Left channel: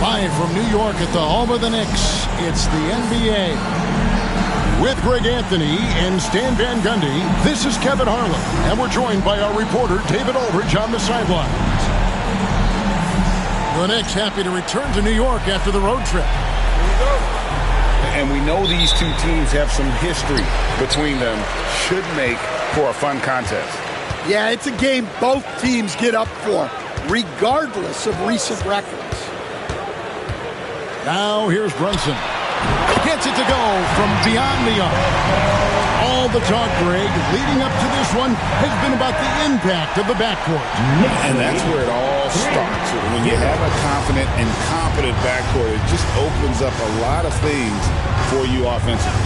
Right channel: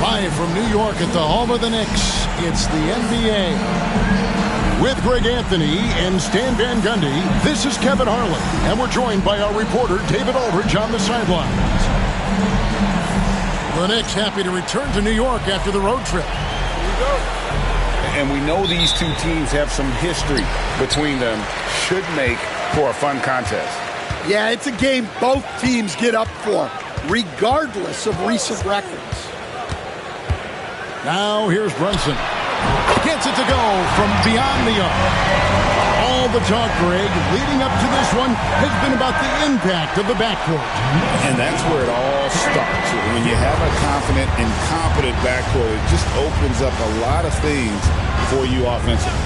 Live from New York at the home of the Knicks, it's the NBA. With Greg Anthony and Stan Van Gundy, this is Kevin Harlan, and we're joined by our reporter David Aldridge on the sidelines. The Knicks happy to return to New York after the road trip. Here we go. And we know these two teams have some history between them. Should make for a fun contest. Yeah, it's a game both teams get up for, regardless of recent records. Now here's Brunson. Gets it to go from beyond the arc. All the talk, Greg, leading up to this one has been about the impact of the backcourt. And that's where it all starts. When you have a confident and competent backcourt, it just opens up a lot of things for you offensively.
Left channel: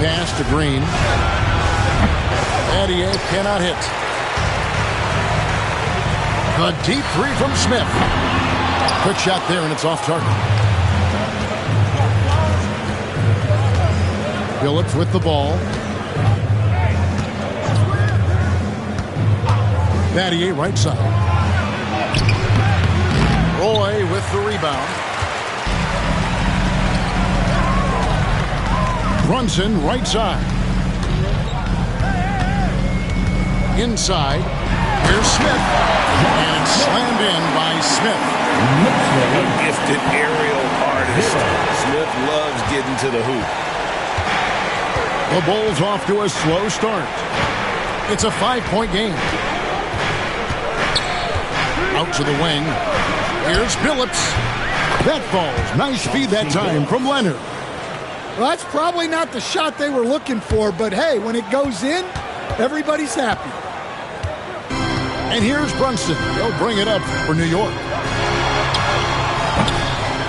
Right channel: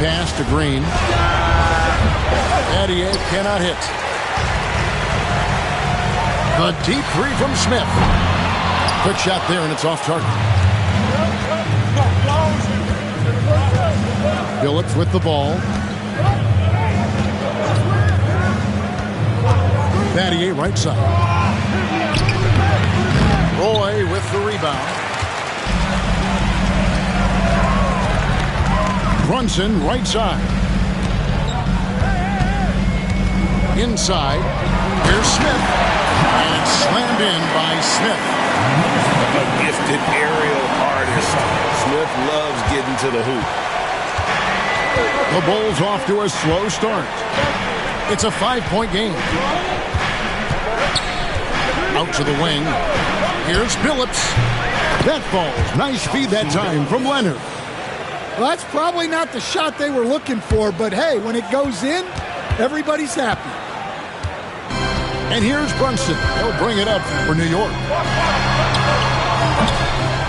Pass to Green. Adier cannot hit. The deep three from Smith. Quick shot there, and it's off target. Phillips with the ball. Adier right side. Roy with the rebound. Brunson right side. Inside. Here's Smith. And it's slammed in by Smith. A gifted aerial artist. Smith loves getting to the hoop. The Bulls off to a slow start. It's a 5-point game. Out to the wing. Here's Phillips. That falls. Nice feed that time from Leonard. Well, that's probably not the shot they were looking for, but hey, when it goes in, everybody's happy. And here's Brunson. He'll bring it up for New York.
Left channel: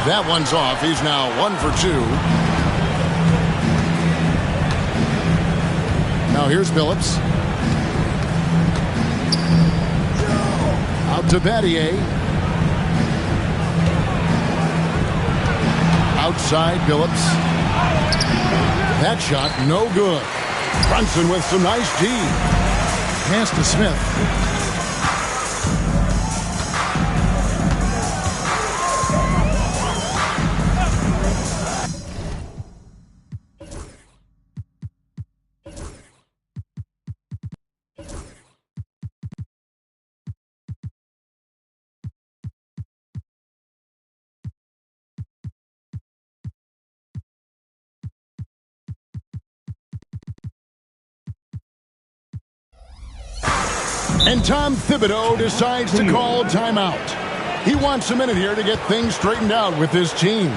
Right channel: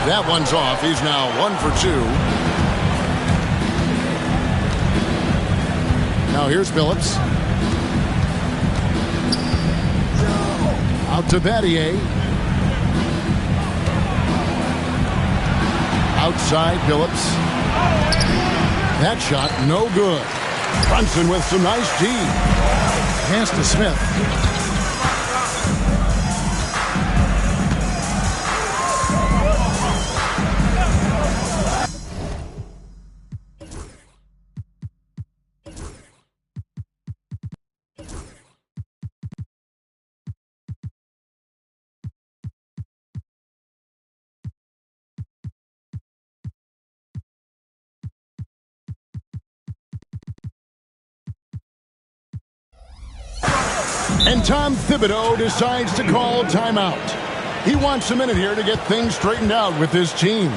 That one's off. He's now 1 for 2. Now here's Phillips. Out to Adier. Outside Phillips. That shot no good. Brunson with some nice D. Pass to Smith. And Tom Thibodeau decides to call timeout. He wants a minute here to get things straightened out with his team.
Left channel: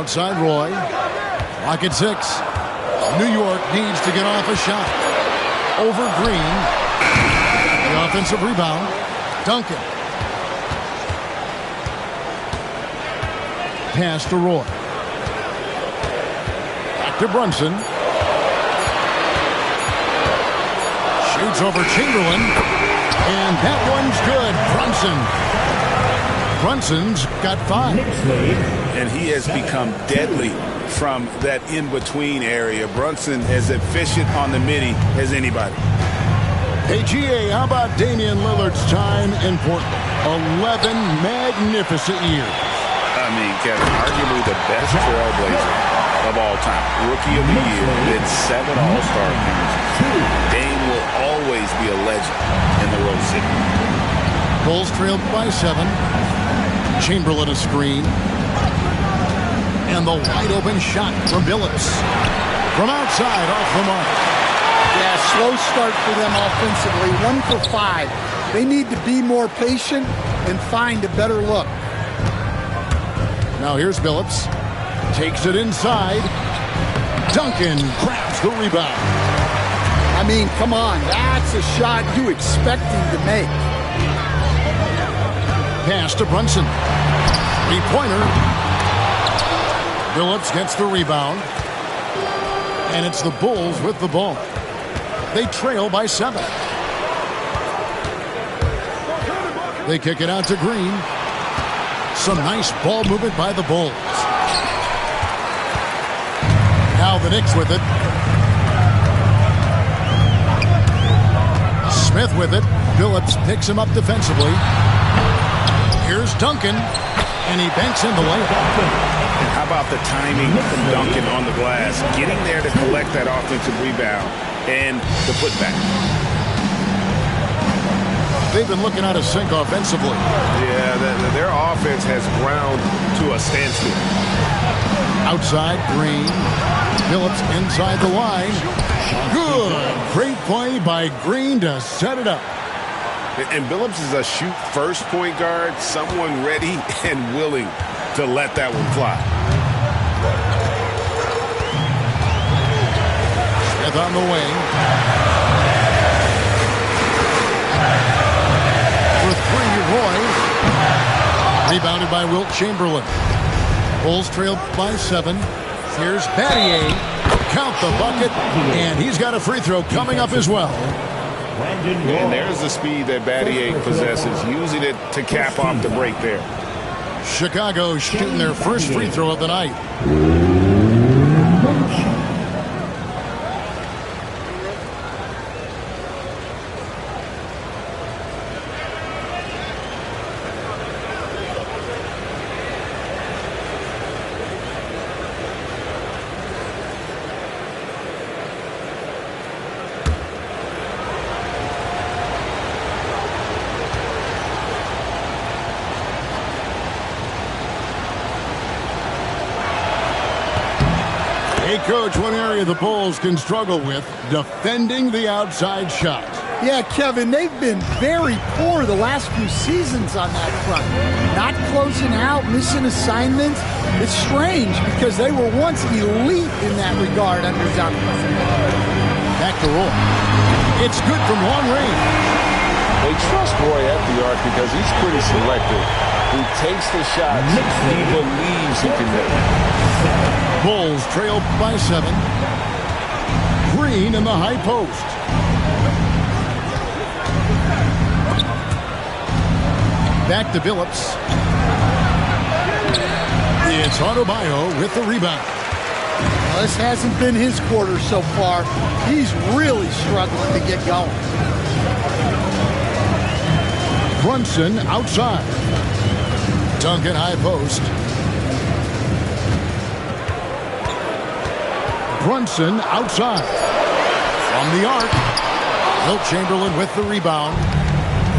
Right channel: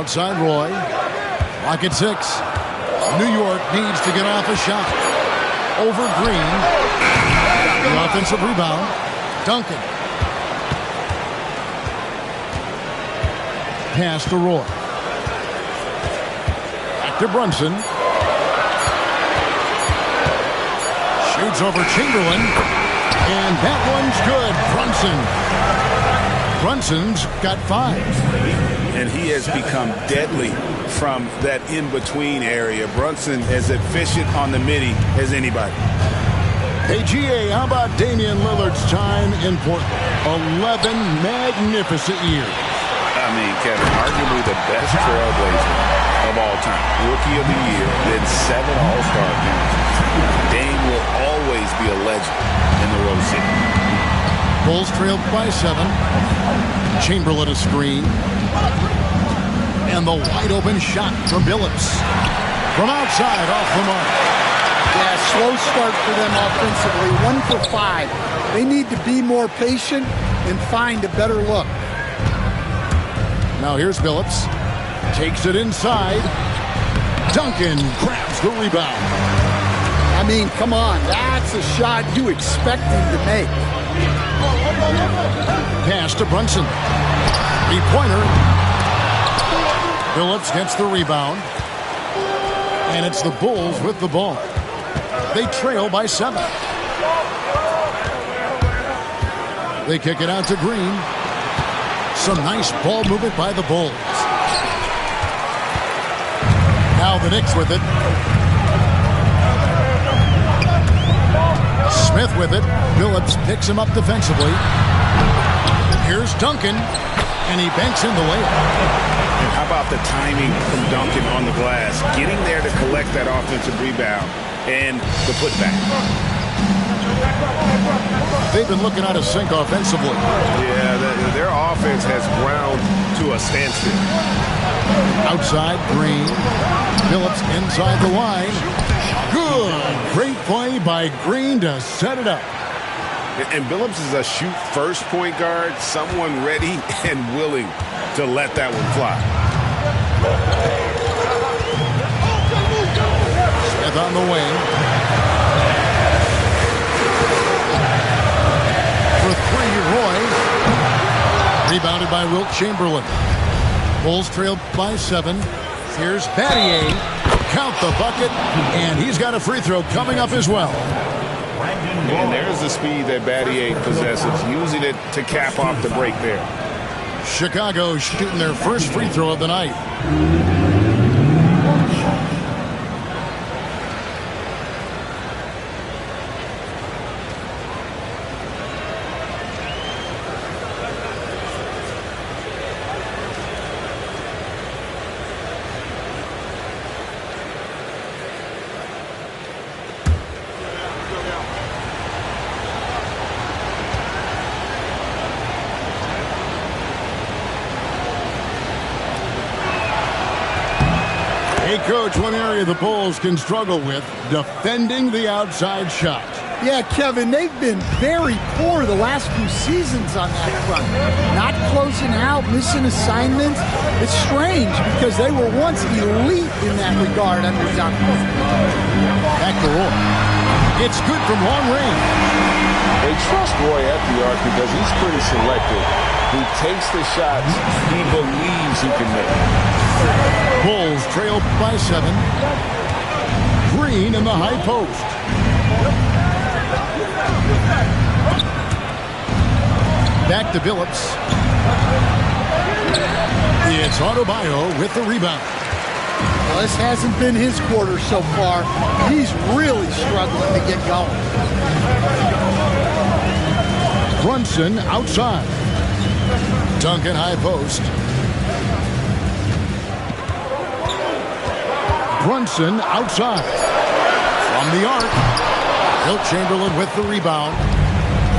Outside Roy. Clock at 6. New York needs to get off a shot. Over Green. The offensive rebound. Duncan. Pass to Roy. Back to Brunson. Shoots over Chamberlain. And that one's good. Brunson's got 5. And he has become deadly from that in-between area. Brunson as efficient on the midi as anybody. Hey, GA, how about Damian Lillard's time in Portland? 11 magnificent years. I mean, Kevin, arguably the best trailblazer of all time. Rookie of the year, then 7 All-Star appearances. Dame will always be a legend in the Rose City. Bulls trailed by 7. Chamberlain a screen. And the wide open shot from Billups. From outside, off the mark. Yeah, slow start for them offensively. 1 for 5. They need to be more patient and find a better look. Now here's Billups. Takes it inside. Duncan grabs the rebound. I mean, come on. That's a shot you expect him to make. Pass to Brunson. 3-pointer. Billups gets the rebound. And it's the Bulls with the ball. They trail by 7. They kick it out to Green. Some nice ball movement by the Bulls. Now the Knicks with it. Smith with it. Billups picks him up defensively. Here's Duncan. And he banks in the layup. And how about the timing from Duncan on the glass? Getting there to collect that offensive rebound and the putback. They've been looking out of sync offensively. Yeah, their offense has ground to a standstill. Outside, Green. Billups inside the line. Good. Great play by Green to set it up. And Billups is a shoot-first point guard, someone ready and willing to let that one fly. Smith on the wing. For 3, Roy. Rebounded by Wilt Chamberlain. Bulls trailed by 7. Here's Battier. Count the bucket. And he's got a free throw coming up as well. And there's the speed that Battier possesses, using it to cap off the break there. Chicago shooting their first free throw of the night. Hey, Coach, one area the Bulls can struggle with, defending the outside shot. Yeah, Kevin, they've been very poor the last few seasons on that front. Not closing out, missing assignments. It's strange because they were once elite in that regard under Duncan. Back to Roy. It's good from long range. They trust Roy at the arc because he's pretty selective. He takes the shots he believes he can make. Bulls trail by 7. Green in the high post. Back to Billups. It's Adebayo with the rebound. Well, this hasn't been his quarter so far. He's really struggling to get going. Brunson outside. Duncan high post. Brunson outside. From the arc. Wilt Chamberlain with the rebound.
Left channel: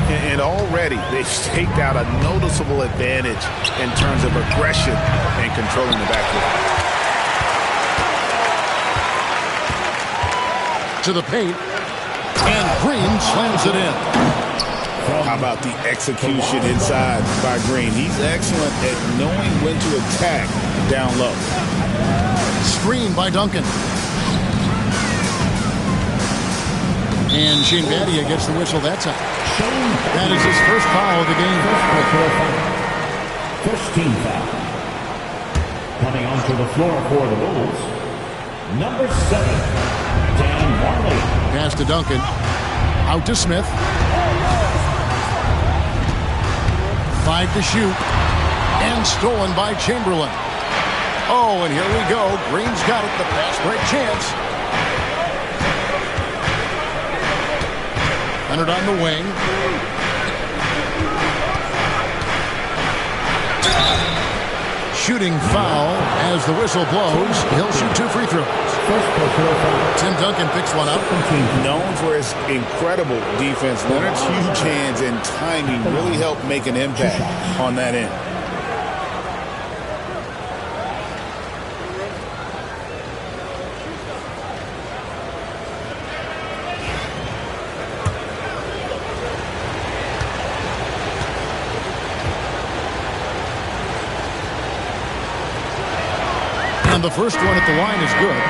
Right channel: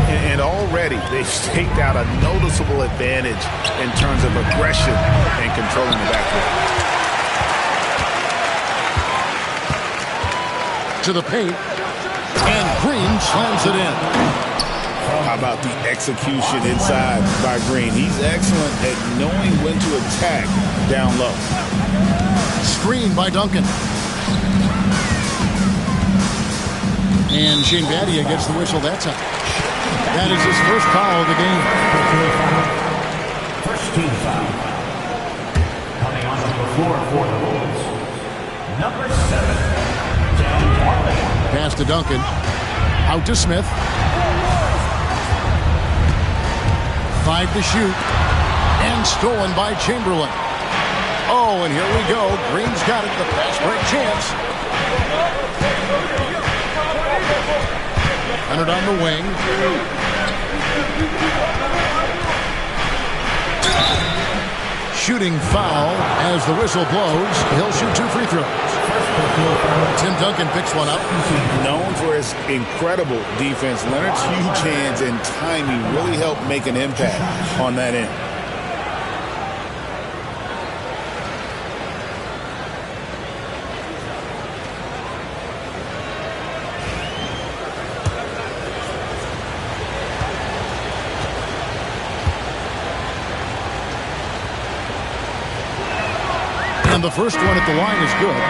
And already they've staked out a noticeable advantage in terms of aggression and controlling the backcourt. To the paint. And Green slams it in. How about the execution inside by Green? He's excellent at knowing when to attack down low. Screen by Duncan. And Shane Battier gets the whistle that time. That is his first foul of the game. First team foul. Coming onto the floor for the Bulls, number 7, Dan Marley. Pass to Duncan. Out to Smith. 5 to shoot. And stolen by Chamberlain. Oh, and here we go. Green's got it. The fast break chance. Leonard on the wing. Shooting foul as the whistle blows. He'll shoot 2 free throws. Tim Duncan picks one up. Known for his incredible defense, Leonard's huge hands and timing really helped make an impact on that end. And the first one at the line is good.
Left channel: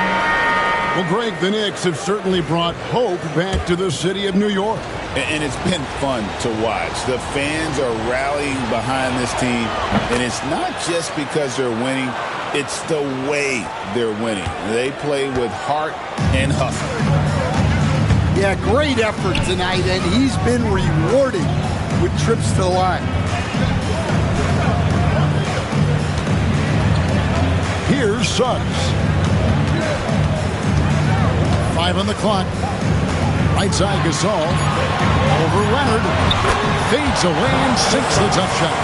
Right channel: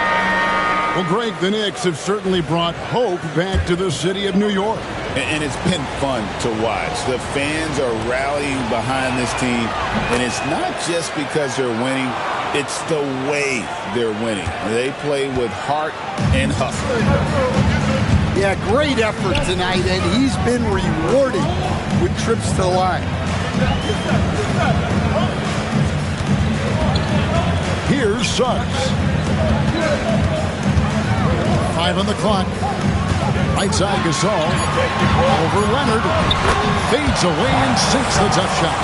Well, Greg, the Knicks have certainly brought hope back to the city of New York. And it's been fun to watch. The fans are rallying behind this team. And it's not just because they're winning. It's the way they're winning. They play with heart and hustle. Yeah, great effort tonight, and he's been rewarded with trips to the line. Here's Suggs. 5 on the clock. Right side Gasol. Over Leonard. Fades away and sinks the tough shot.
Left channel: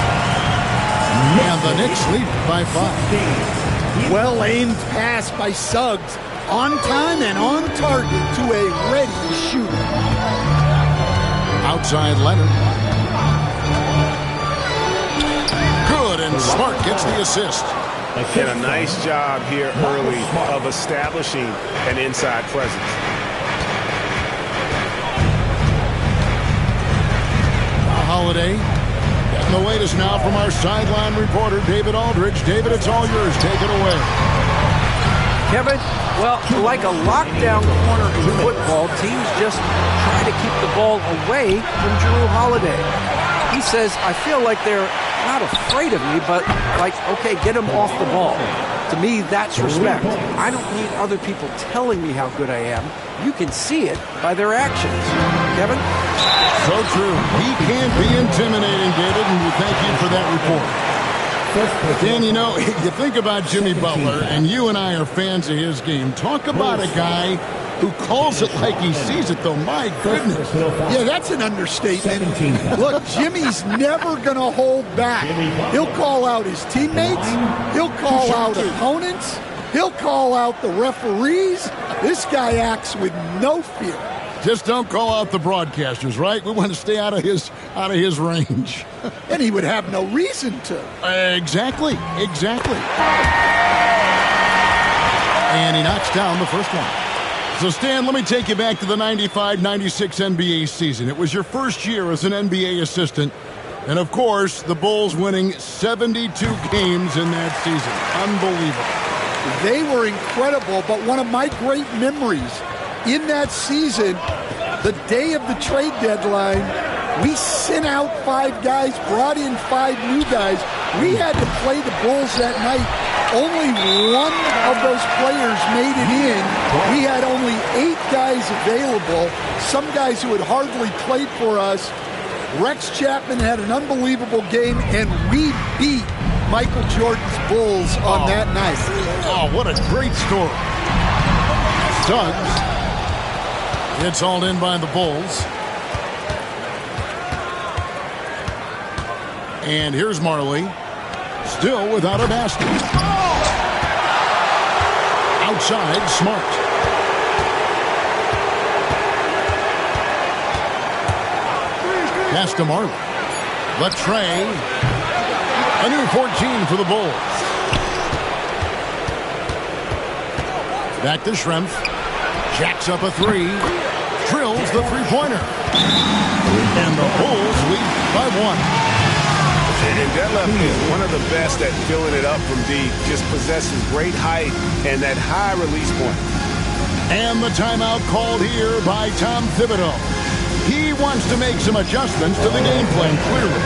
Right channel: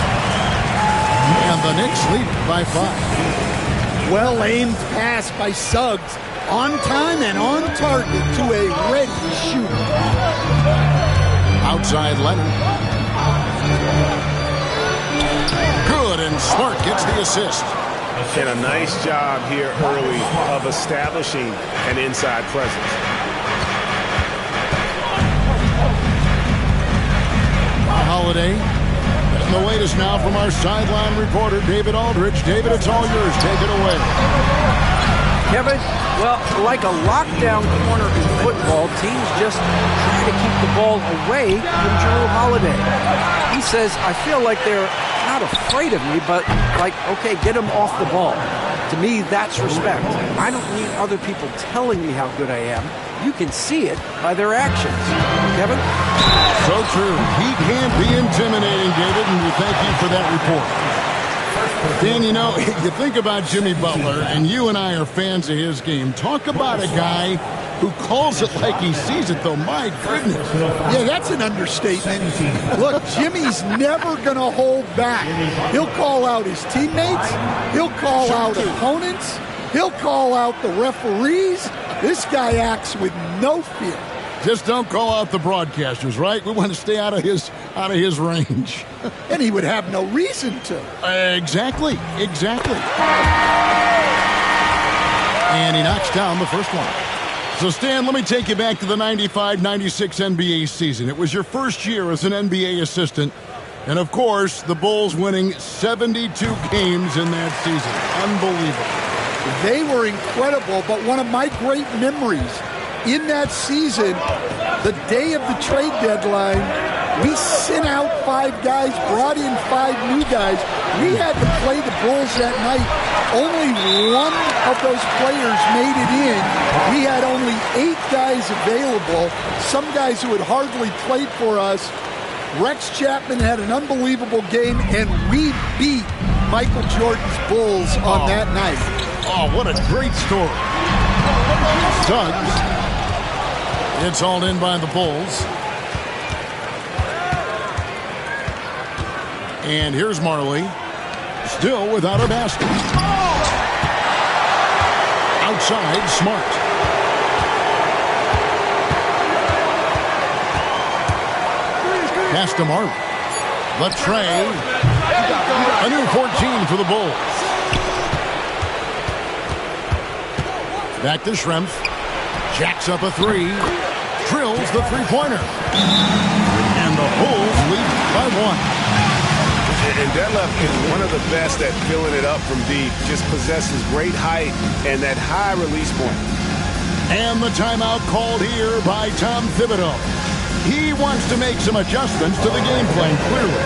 And the Knicks lead by 5. Well-aimed pass by Suggs. On time and on target to a ready shooter. Outside Leonard. Good, and Smart gets the assist. And a nice job here early of establishing an inside presence. Holiday. Getting the latest now from our sideline reporter, David Aldridge. David, it's all yours. Take it away. Kevin, well, like a lockdown corner in football, teams just try to keep the ball away from Jrue Holiday. He says, I feel like they're not afraid of me, but like, okay, get him off the ball. To me, that's respect. I don't need other people telling me how good I am. You can see it by their actions. Kevin? So true. He can be intimidating, David, and we thank you for that report. Dan, you know, you think about Jimmy Butler, and you and I are fans of his game. Talk about a guy who calls it like he sees it, though. My goodness. Yeah, that's an understatement. Look, Jimmy's never going to hold back. He'll call out his teammates. He'll call out opponents. He'll call out the referees. This guy acts with no fear. Just don't call out the broadcasters, right? We want to stay out of his range. And he would have no reason to. Exactly. And he knocks down the first one. So, Stan, let me take you back to the 95-96 NBA season. It was your first year as an NBA assistant. And, of course, the Bulls winning 72 games in that season. Unbelievable. They were incredible, but one of my great memories in that season, the day of the trade deadline, we sent out 5 guys, brought in 5 new guys. We had to play the Bulls that night. Only one of those players made it in. We had only 8 guys available, some guys who had hardly played for us. Rex Chapman had an unbelievable game, and we beat Michael Jordan's Bulls on that night. Oh, what a great story. Suggs. It's hauled in by the Bulls. And here's Marley. Still without a basket. Outside, Smart. Pass to Marley. The tray. A new 14 for the Bulls. Back to Schrempf. Jacks up a 3. Drills the three-pointer. And the Bulls lead by 1. And Detlef is one of the best at filling it up from deep. Just possesses great height and that high release point. And the timeout called here by Tom Thibodeau. He wants to make some adjustments to the game plan, clearly.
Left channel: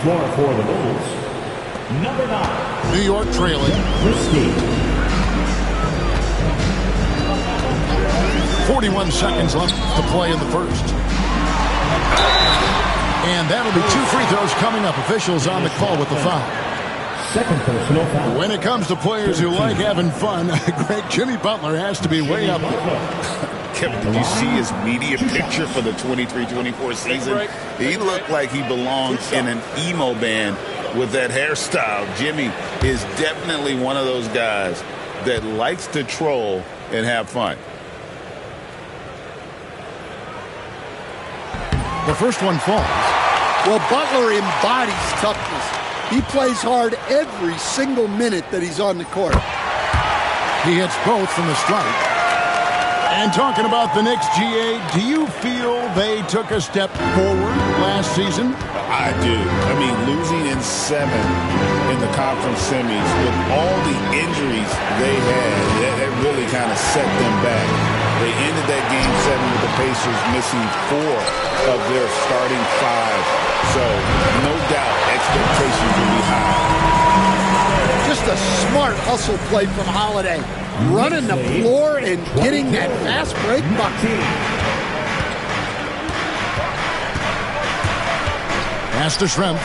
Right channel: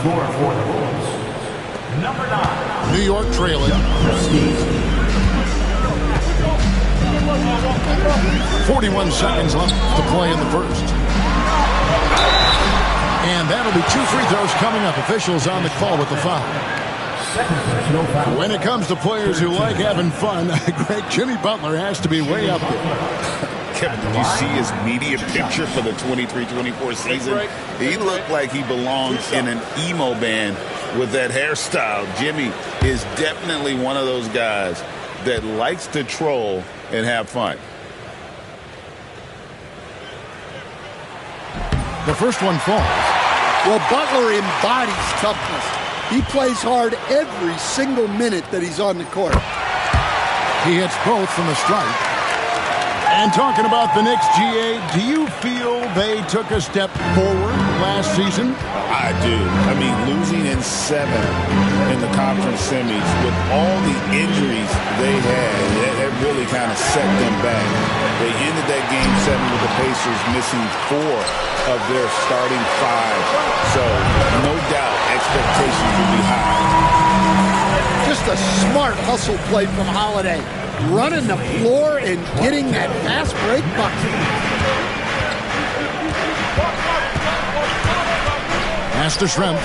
floor for the Bulls, number 9. New York trailing. Christie. 41 seconds left to play in the first. And that'll be 2 free throws coming up. Officials on the call with the foul. Second personal foul. When it comes to players who like having fun, Greg, Jimmy Butler has to be way up there. Kevin, did you see his media picture for the 23-24 season? He looked like he belonged in an emo band with that hairstyle. Jimmy is definitely one of those guys that likes to troll and have fun. The first one falls. Well, Butler embodies toughness. He plays hard every single minute that he's on the court. He hits both from the stripe. And talking about the Knicks, GA, do you feel they took a step forward last season? I do. I mean, losing in 7 in the conference semis with all the injuries they had, that really kind of set them back. They ended that game 7 with the Pacers missing 4 of their starting 5. So, no doubt, expectations will be high. Just a smart hustle play from Holiday. Running the floor and getting that fast break bucket. Pass to Shrimp.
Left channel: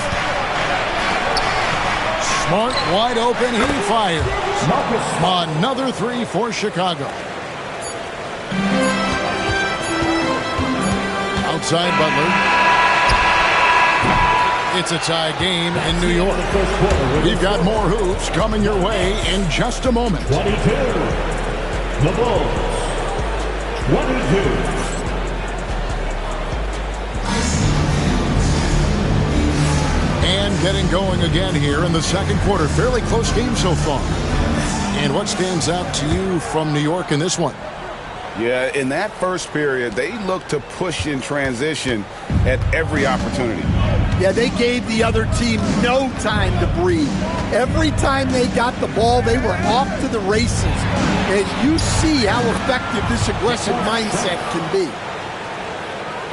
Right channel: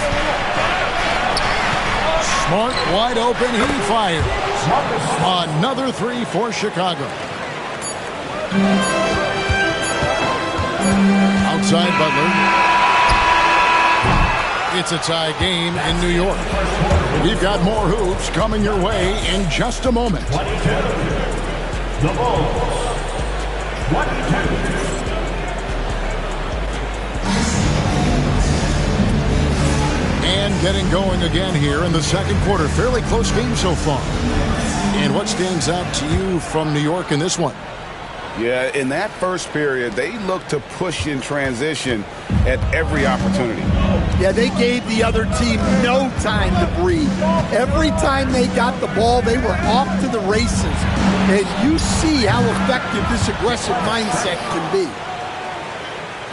Smart, wide open, he fires. Another 3 for Chicago. Outside Butler. It's a tie game in New York. We've got more hoops coming your way in just a moment. 22. The Bulls. 22. And getting going again here in the second quarter. Fairly close game so far. And what stands out to you from New York in this one? Yeah, in that first period, they looked to push in transition at every opportunity. Yeah, they gave the other team no time to breathe. Every time they got the ball, they were off to the races. And you see how effective this aggressive mindset can be.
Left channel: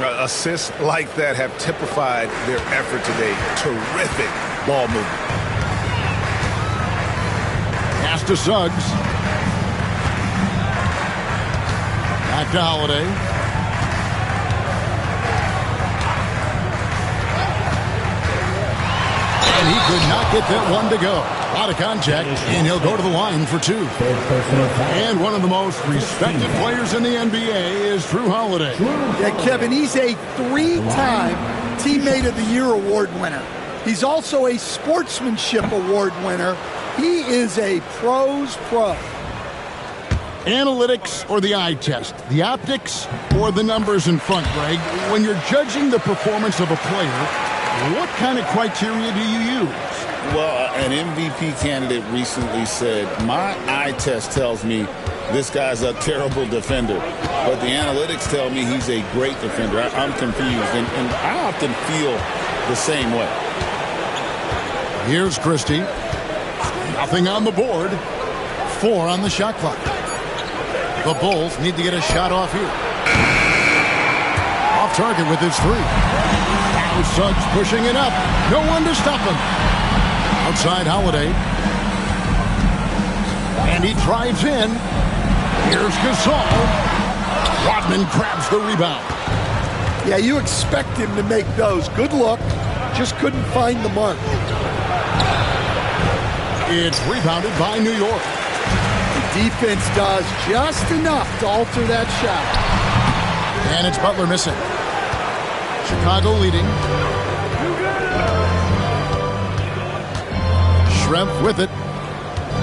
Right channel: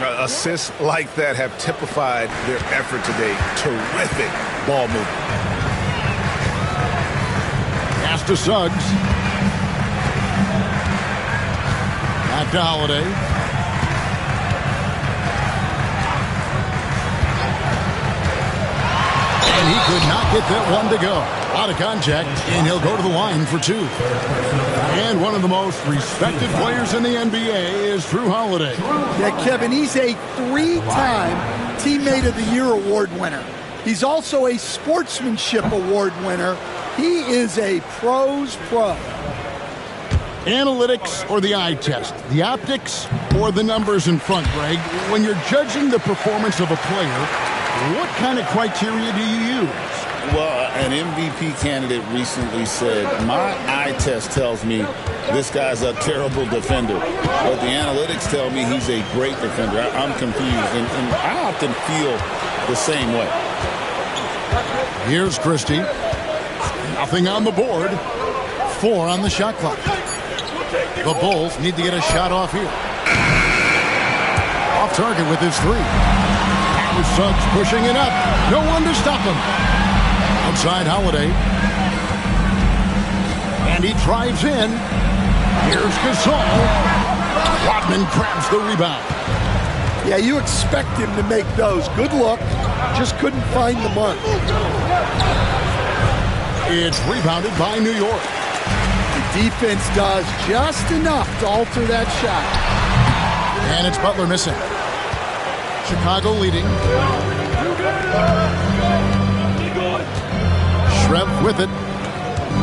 Assists like that have typified their effort today. Terrific ball movement. Pass to Suggs. Back to Holiday. And he could not get that one to go. A lot of contact, and he'll go to the line for 2. And one of the most respected players in the NBA is Drew Holiday. Yeah, Kevin, he's a 3-time Teammate of the Year award winner. He's also a Sportsmanship Award winner. He is a pro's pro. Analytics or the eye test? The optics or the numbers in front, Greg? When you're judging the performance of a player, what kind of criteria do you use? Well, an MVP candidate recently said, my eye test tells me this guy's a terrible defender, but the analytics tell me he's a great defender. I'm confused, and I often feel the same way. Here's Christie. Nothing on the board. 4 on the shot clock. The Bulls need to get a shot off here. Off target with his 3. Now Suggs pushing it up. No one to stop him. Outside Holiday. And he drives in. Here's Gasol. Rodman grabs the rebound. Yeah, you expect him to make those. Good look. Just couldn't find the mark. It's rebounded by New York. The defense does just enough to alter that shot. And it's Butler missing. Chicago leading. Shrimp with it.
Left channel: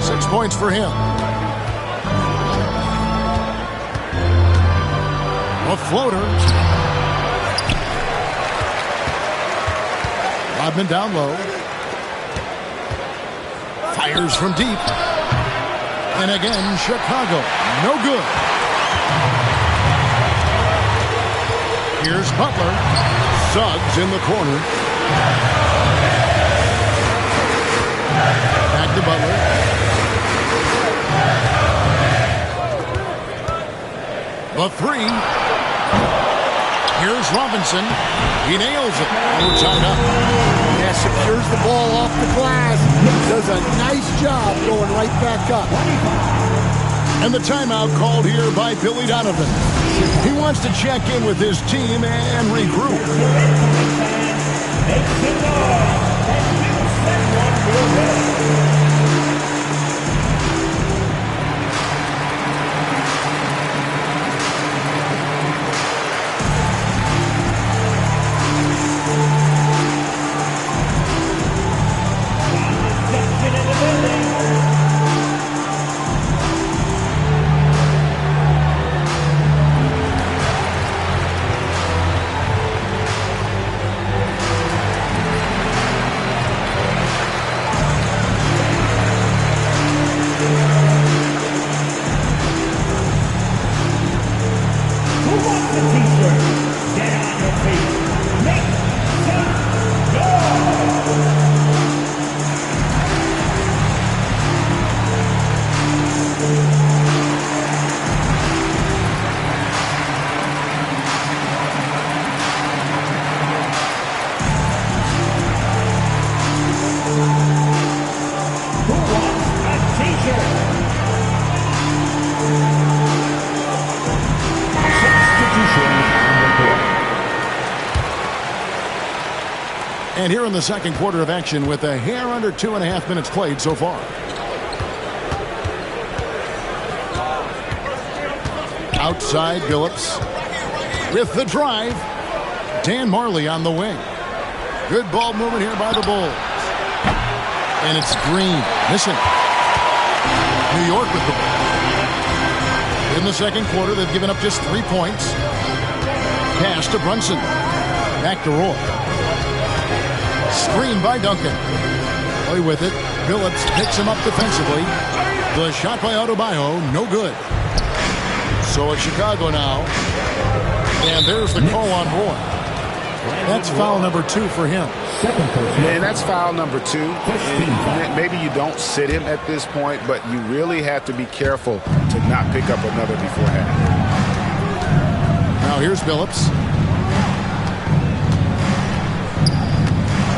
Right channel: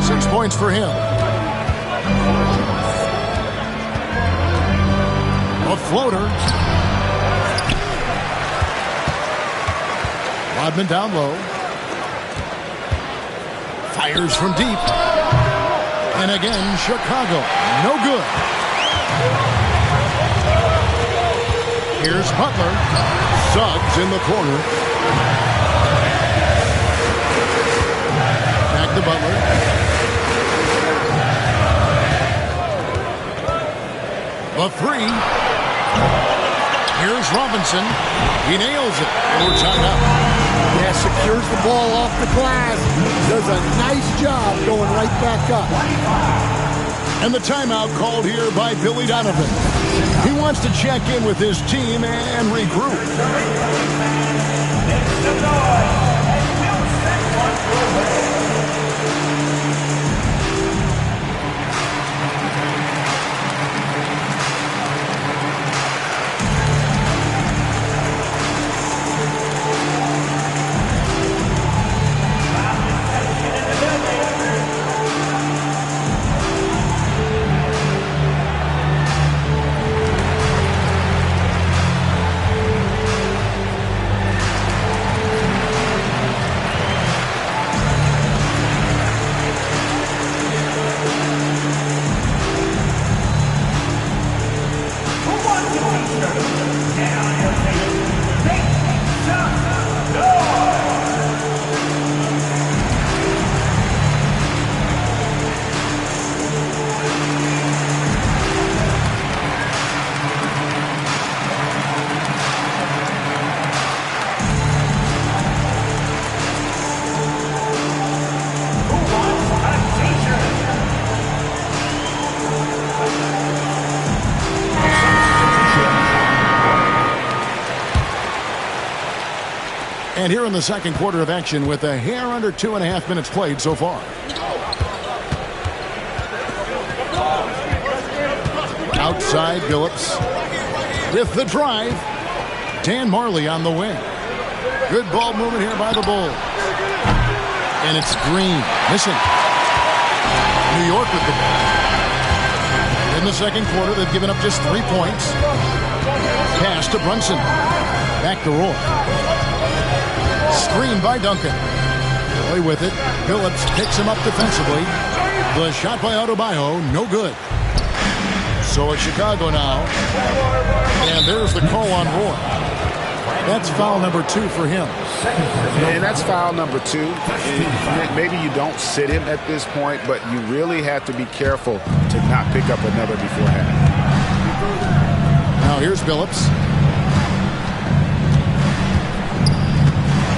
6 points for him. A floater. Rodman down low. Fires from deep. And again, Chicago. No good. Here's Butler. Suggs in the corner. Back to Butler. The 3. Here's Robinson. He nails it. And we're tied up. Yeah, Yeah, secures the ball off the glass. Does a nice job going right back up. And the timeout called here by Billy Donovan. He wants to check in with his team and regroup. And here in the second quarter of action with a hair under 2.5 minutes played so far. Outside Billups with the drive. Dan Marley on the wing. Good ball movement here by the Bulls. And it's Green missing. New York with the ball. In the second quarter, they've given up just 3 points. Pass to Brunson. Back to Roy. Screen by Duncan. Roy with it. Billups picks him up defensively. The shot by Adebayo, no good. So it's Chicago now. And there's the call on Roy. That's foul number 2 for him. And that's foul number 2. And maybe you don't sit him at this point, but you really have to be careful to not pick up another before half. Now here's Billups.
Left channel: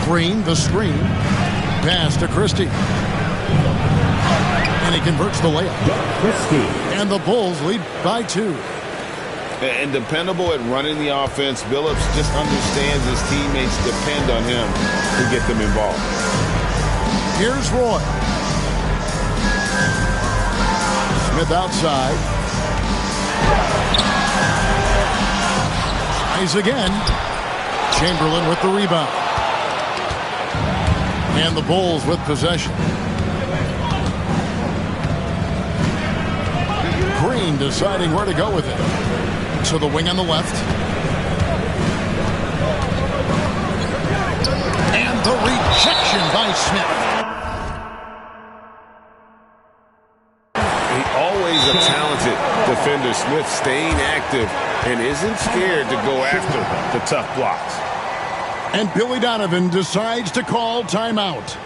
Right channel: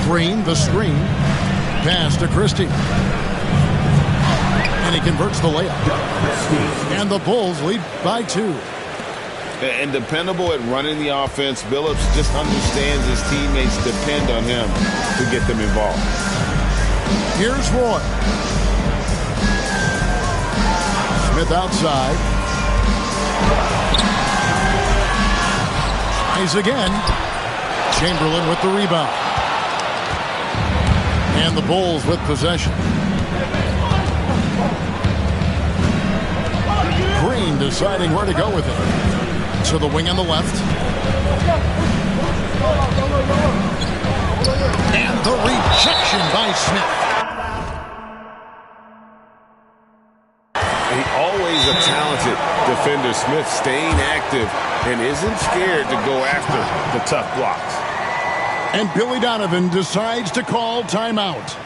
Green, the screen. Pass to Christie. And he converts the layup. And the Bulls lead by 2. And dependable at running the offense, Billups just understands his teammates depend on him to get them involved. Here's Roy. Smith outside. Tries again. Chamberlain with the rebound. And the Bulls with possession. Green deciding where to go with it. To the wing on the left. And the rejection by Smith. Always a talented defender, Smith, staying active and isn't scared to go after the tough blocks. And Billy Donovan decides to call timeout.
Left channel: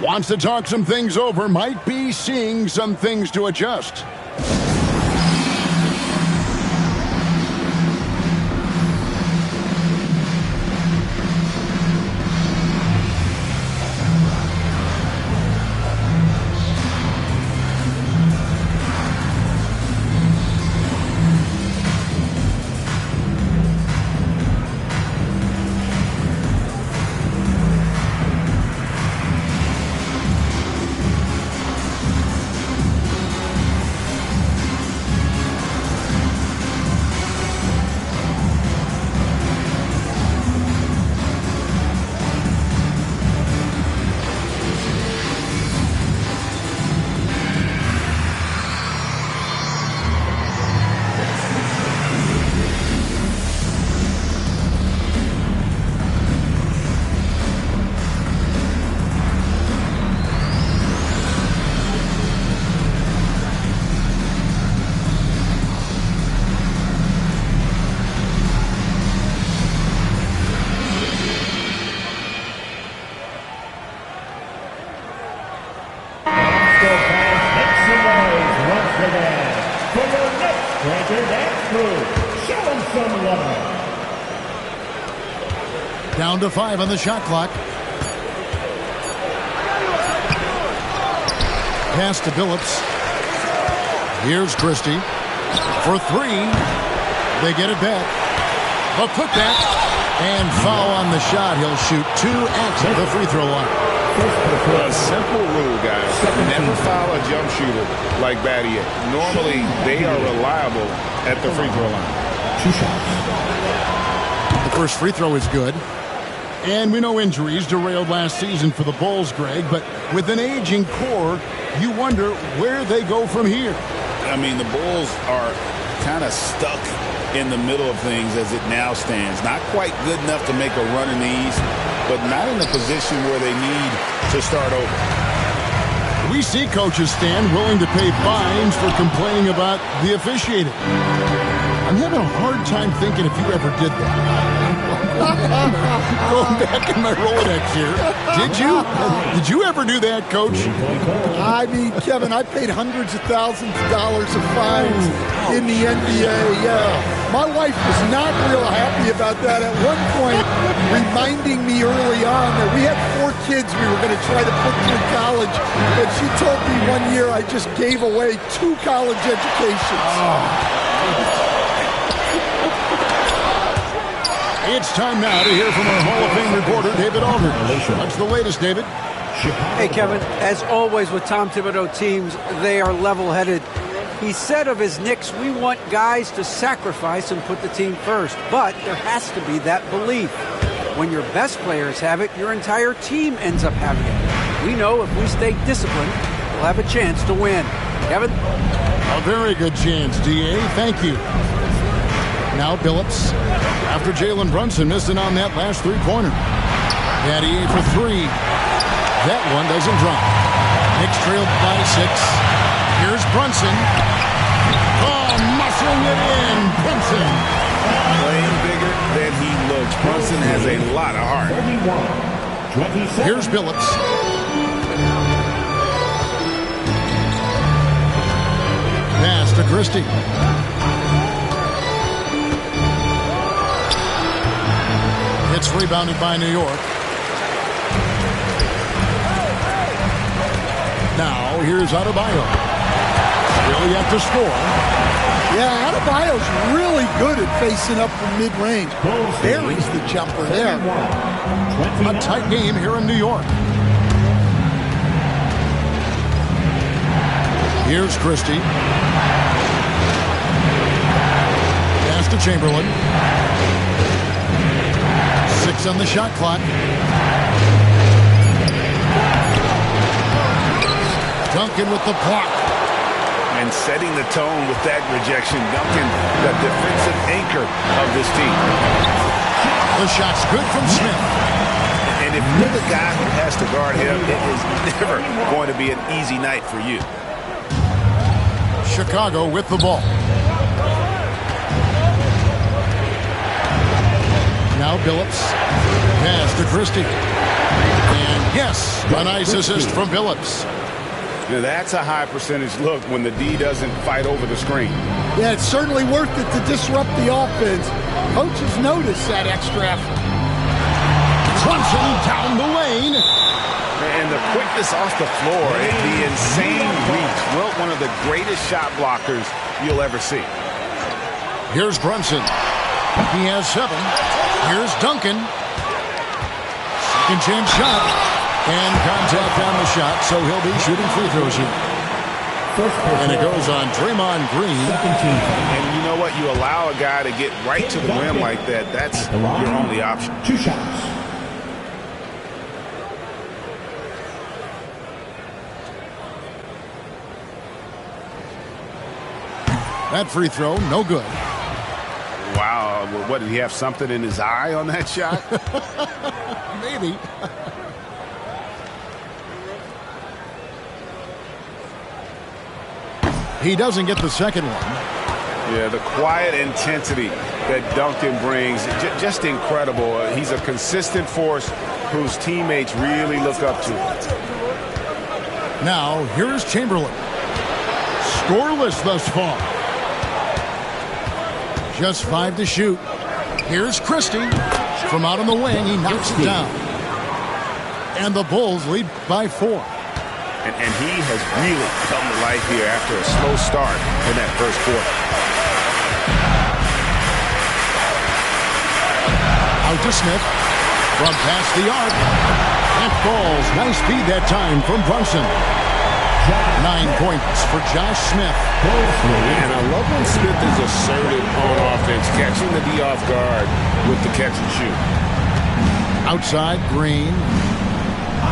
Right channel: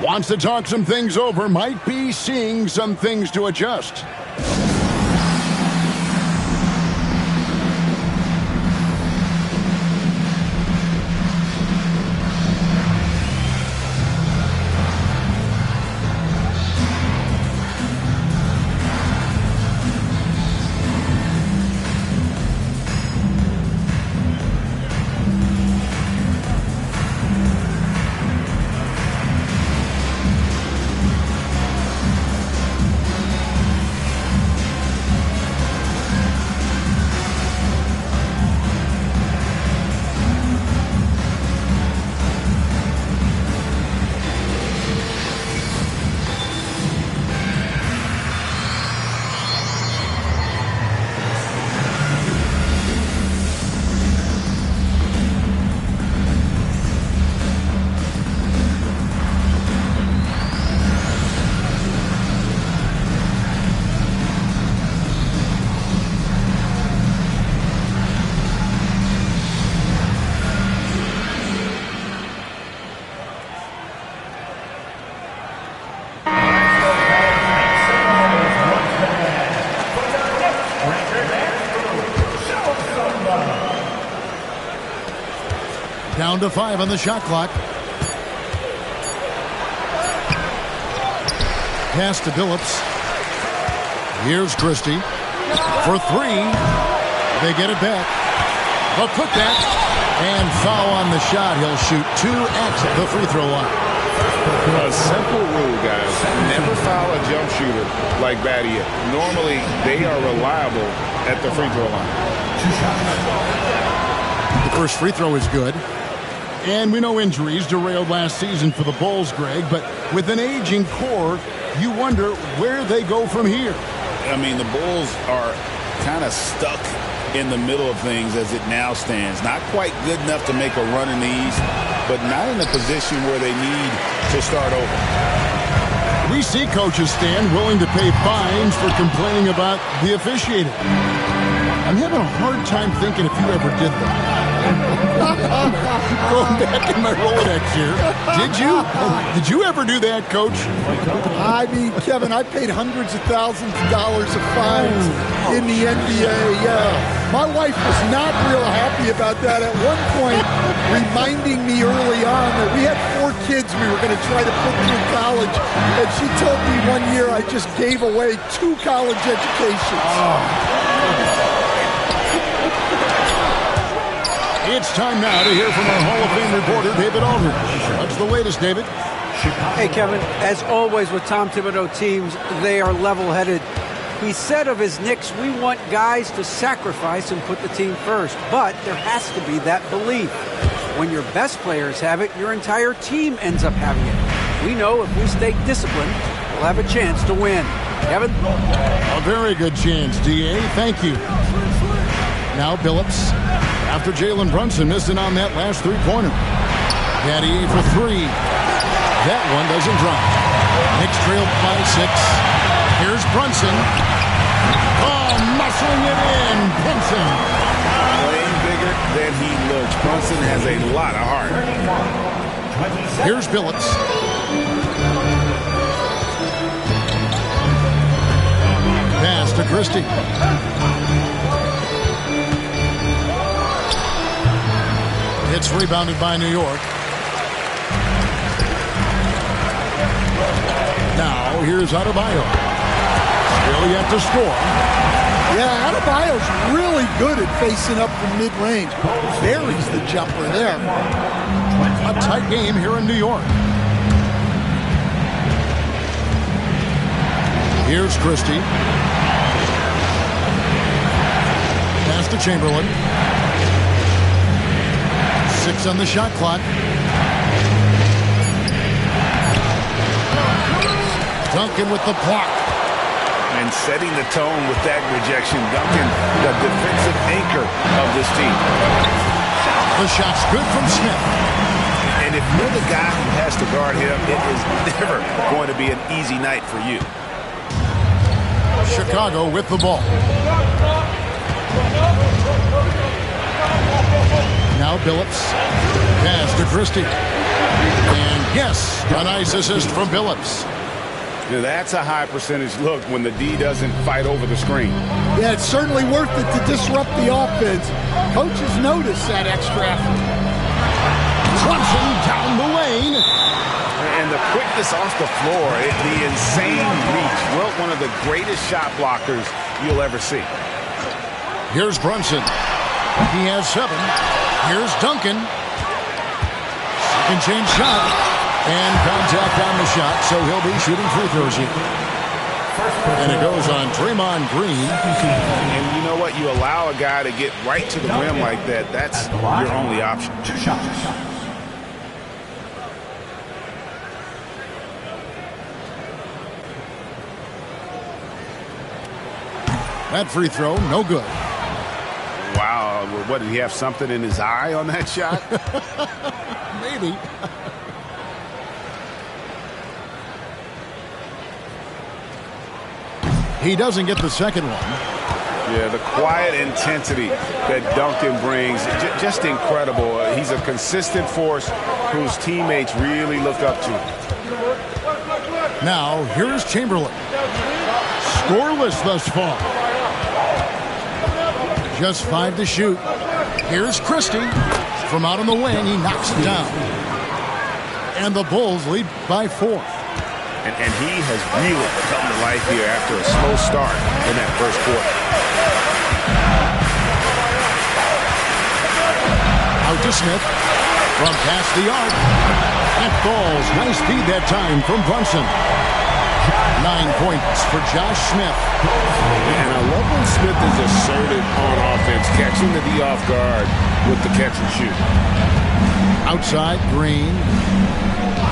Wants to talk some things over, might be seeing some things to adjust. Down to 5 on the shot clock. Pass to Billups. Here's Christie for three. They get it back. The putback and foul on the shot. He'll shoot two at the free throw line. A simple rule, guys. Never foul a jump shooter like Battier. Normally, they are reliable at the free throw line. 2 shots. The first free throw is good. And we know injuries derailed last season for the Bulls, Greg, but with an aging core, you wonder where they go from here. I mean, the Bulls are kind of stuck in the middle of things as it now stands. Not quite good enough to make a run in the East, but not in a position where they need to start over. We see coaches stand willing to pay fines for complaining about the officiating. I'm having a hard time thinking if you ever did that. Going back in my Rolodex here. Did you? Did you ever do that, Coach? I mean, Kevin, I paid hundreds of thousands of dollars of fines in the NBA. Yeah. My wife was not real happy about that at one point, reminding me early on that we had 4 kids we were going to try to put through college. And she told me one year I just gave away 2 college educations. It's time now to hear from our Hall of Fame reporter, David Aldridge. What's the latest, David? Hey, Kevin, as always with Tom Thibodeau teams, they are level-headed. He said of his Knicks, we want guys to sacrifice and put the team first, but there has to be that belief. When your best players have it, your entire team ends up having it. We know if we stay disciplined, we'll have a chance to win. Kevin? A very good chance, D.A. Thank you. Now Billups. After Jalen Brunson missed it on that last three-pointer. Battier for 3. That one doesn't drop. Knicks trailed by 6. Here's Brunson. Oh, muscling it in. Brunson. Playing bigger than he looks. Brunson has a lot of heart. Here's Billups. Pass to Christie. It's rebounded by New York. Now, here's Adebayo. Still yet to score. Yeah, Adebayo's really good at facing up from mid-range. Buries the jumper there. A tight game here in New York. Here's Christie. Pass to Chamberlain. 6 on the shot clock. Duncan with the block. And setting the tone with that rejection. Duncan, the defensive anchor of this team. The shot's good from Smith. And if you're the guy who has to guard him, it is never going to be an easy night for you. Chicago with the ball. Now Billups. Pass to Christie. And yes, a nice assist from Billups. Now that's a high percentage look when the D doesn't fight over the screen. Yeah, it's certainly worth it to disrupt the offense. Coaches notice that extra effort. Brunson down the lane. And the quickness off the floor, the insane reach. Well, one of the greatest shot blockers you'll ever see. Here's Brunson. He has 7. Here's Duncan. Second chance shot. And contact on the shot, so he'll be shooting free throws here. And it goes on Draymond Green. And you know what? You allow a guy to get right to the rim like that. That's your only option. 2 shots. That free throw, no good. Wow. What, did he have something in his eye on that shot? Maybe. He doesn't get the second one. Yeah, the quiet intensity that Duncan brings, just incredible. He's a consistent force whose teammates really look up to. Now, here's Chamberlain. Scoreless thus far. Just 5 to shoot. Here's Christie. From out on the wing, he knocks it down. And the Bulls lead by 4. And he has really come to life here after a slow start in that first quarter. Out to Smith. From past the arc. That falls. Nice feed that time from Brunson. 9 points for Josh Smith. And I love when Smith is assertive on offense, catching the D off guard with the catch and shoot. Outside, Green.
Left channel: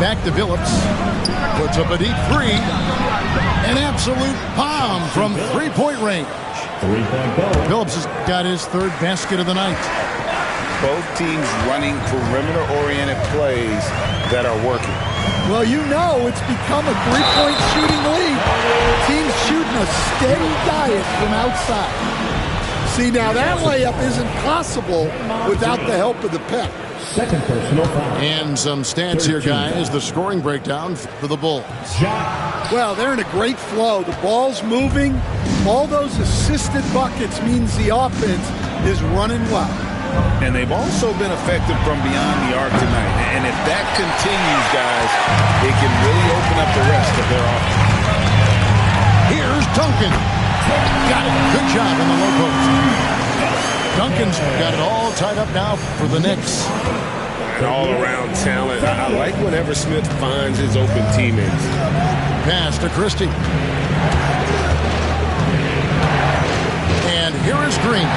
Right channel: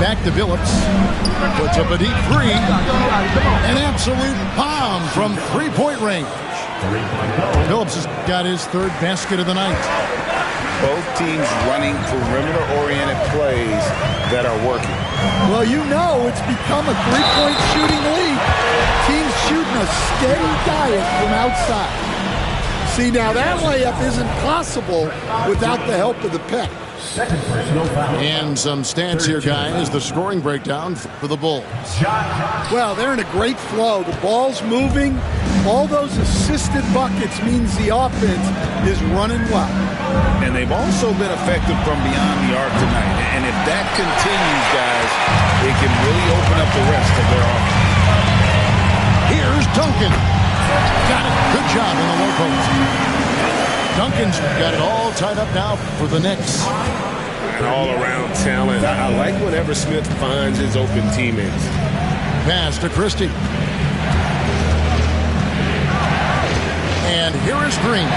Back to Phillips. Puts up a deep three. An absolute bomb from three-point range. Phillips has got his third basket of the night. Both teams running perimeter-oriented plays that are working. Well, you know it's become a three-point shooting league. Teams shooting a steady diet from outside. See, now that layup isn't possible without the help of the pick. Second personal foul. And some stats here, guys. The scoring breakdown for the Bulls. Well, they're in a great flow. The ball's moving. All those assisted buckets means the offense is running well. And they've also been effective from beyond the arc tonight. And if that continues, guys, it can really open up the rest of their offense. Here's Duncan. Got it. Good job in the low post. Duncan's got it all tied up now for the Knicks. And all-around talent. I like whenever Smith finds his open teammates. Pass to Christie. And here is Green.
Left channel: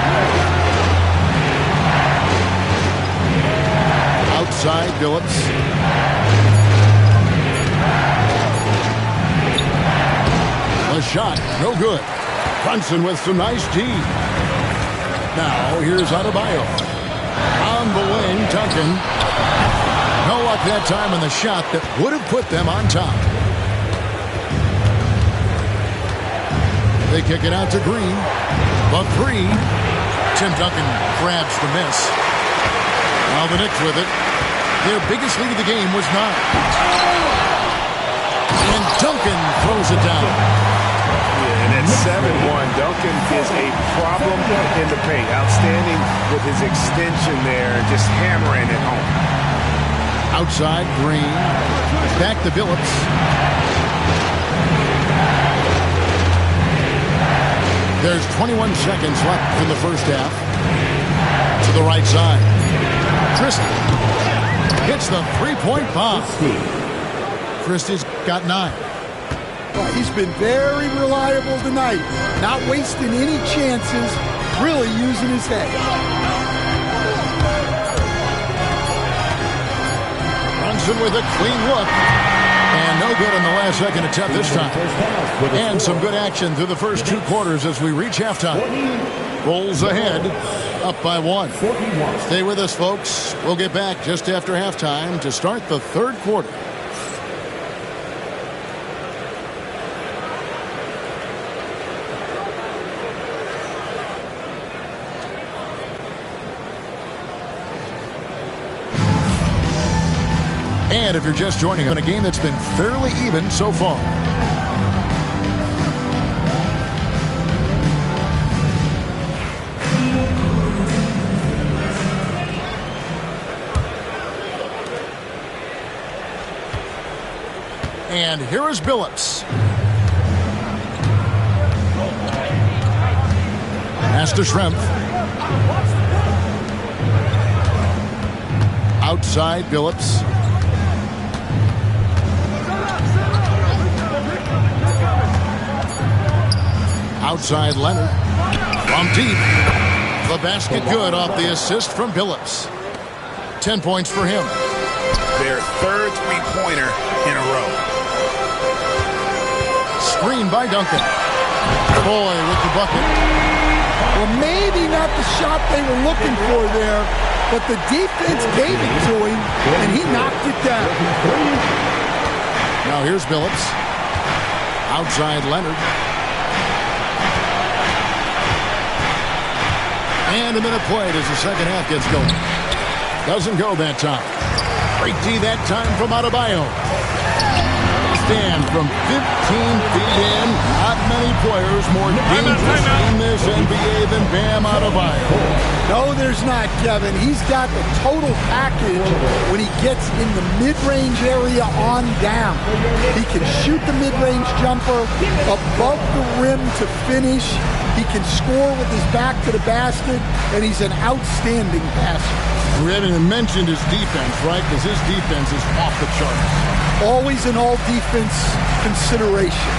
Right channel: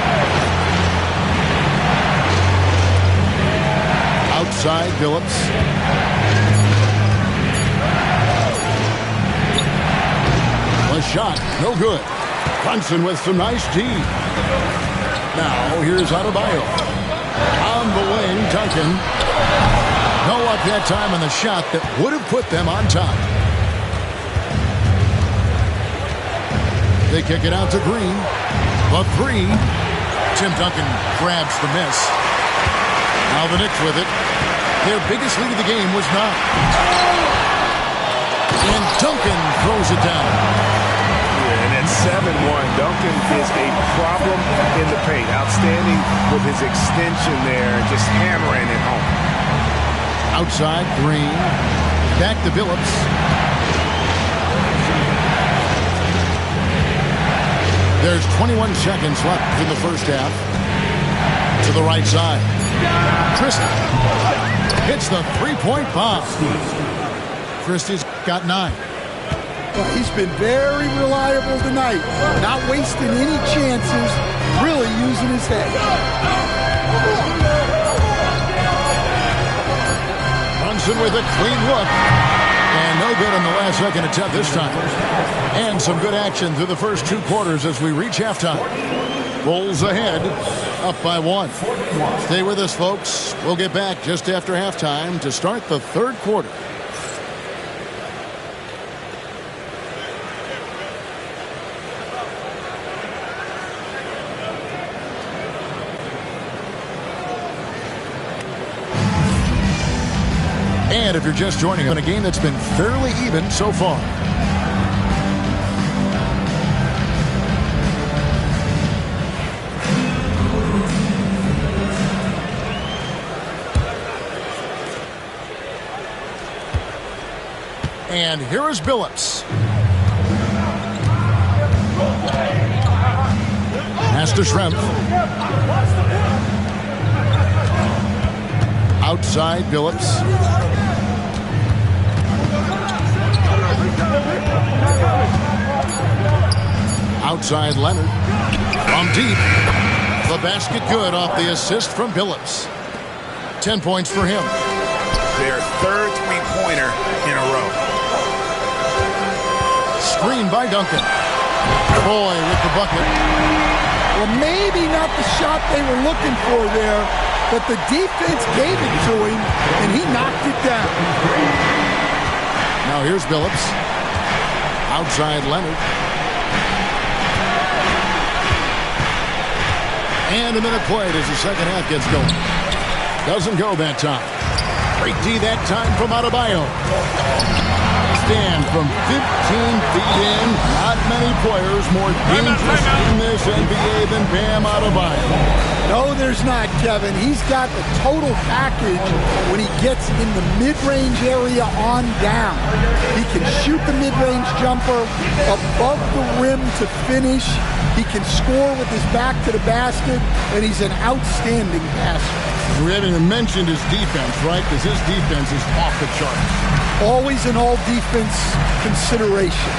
Outside, Phillips. A shot, no good. Brunson with some nice D. Now, here's Adebayo. On the wing, Duncan. No luck that time on the shot that would have put them on top. They kick it out to Green. The three. Tim Duncan grabs the miss. Now the Knicks with it. Their biggest lead of the game was 9. And Duncan throws it down. Yeah, and at 7-1, Duncan is a problem in the paint. Outstanding with his extension there and just hammering it home. Outside, Green. Back to Phillips. There's 21 seconds left in the first half. To the right side. Christie hits the three-point bomb. Christie's got 9. Well, he's been very reliable tonight. Not wasting any chances. Really using his head. Brunson with a clean look. And no good on the last second attempt this time. And some good action through the first 2 quarters as we reach halftime. Bulls ahead, up by 1. Stay with us, folks. We'll get back just after halftime to start the third quarter. And if you're just joining us on a game that's been fairly even so far. And here is Phillips. Pass to Schrempf. Outside, Phillips. Outside, Leonard. From deep. The basket good off the assist from Phillips. 10 points for him. Their third three-pointer in a row. Screen by Duncan. Boy with the bucket. Well, maybe not the shot they were looking for there, but the defense gave it to him, and he knocked it down. Now here's Phillips. Outside Leonard. And a minute played as the second half gets going. Doesn't go that time. Great D that time from Adebayo. Stand from 15 feet in. Not many players more dangerous in this NBA than Bam Adebayo. No, there's not, Kevin. He's got the total package when he gets in the mid-range area on down. He can shoot the mid-range jumper above the rim to finish. He can score with his back to the basket, and he's an outstanding passer. We haven't even mentioned his defense, right? Because his defense is off the charts. Always an all-defense consideration.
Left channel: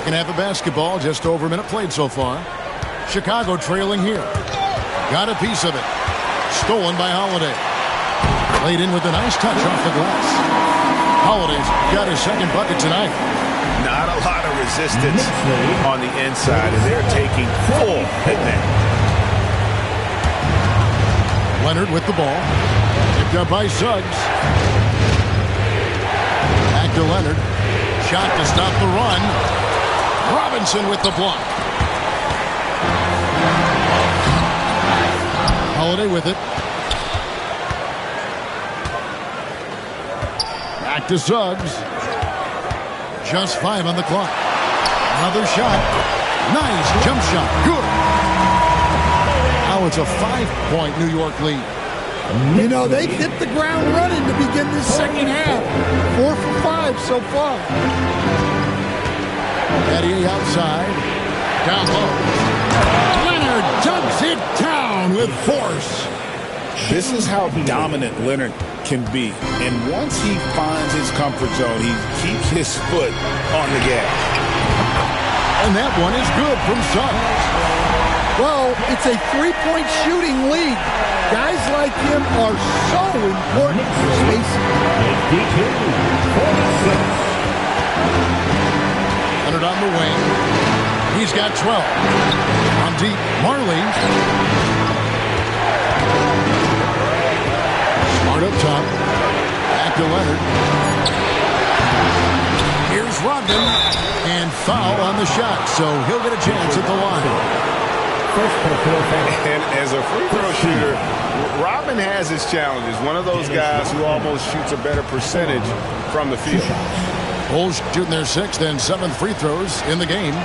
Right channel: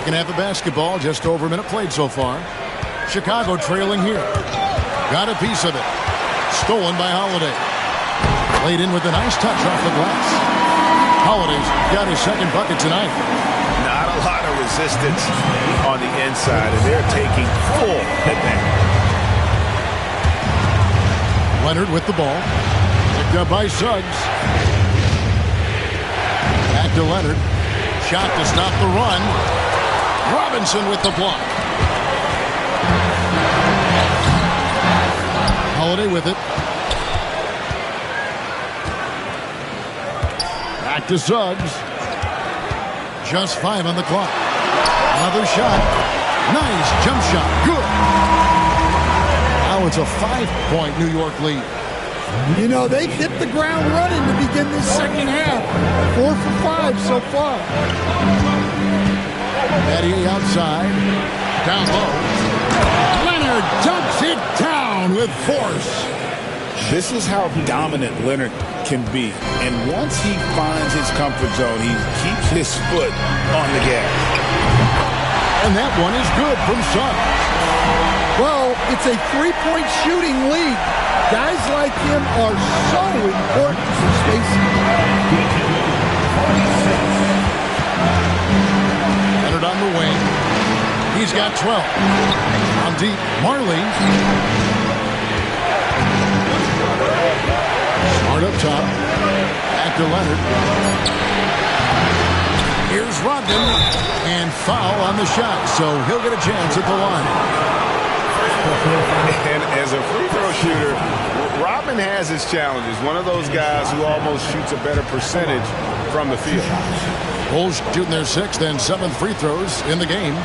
Second half of basketball, just over a minute played so far. Chicago trailing here. Got a piece of it. Stolen by Holiday. Laid in with a nice touch off the glass. Holiday's got his second bucket tonight. Not a lot of resistance on the inside, and they're taking full advantage. Leonard with the ball. Picked up by Suggs. Back to Leonard. Shot to stop the run. Robinson with the block. Holiday with it. Back to Suggs. Just 5 on the clock. Another shot. Nice jump shot. Good. Now it's a 5-point New York lead. You know, they've hit the ground running to begin this second half. 4 for 5 so far. Battier outside. Down low. Leonard dunks it down with force. This is how dominant Leonard can be. And once he finds his comfort zone, he keeps his foot on the gas. And that one is good from Suggs. Well, it's a 3-point shooting league. Guys like him are so important for spacing. Leonard on the wing. He's got 12. On deep, Marley. Smart up top. Back to Leonard. Here's Rodman. And foul on the shot, so he'll get a chance at the line. And as a free throw shooter, Rodman has his challenges. One of those guys who almost shoots a better percentage from the field. Bulls shooting their 6th and 7th free throws in the game.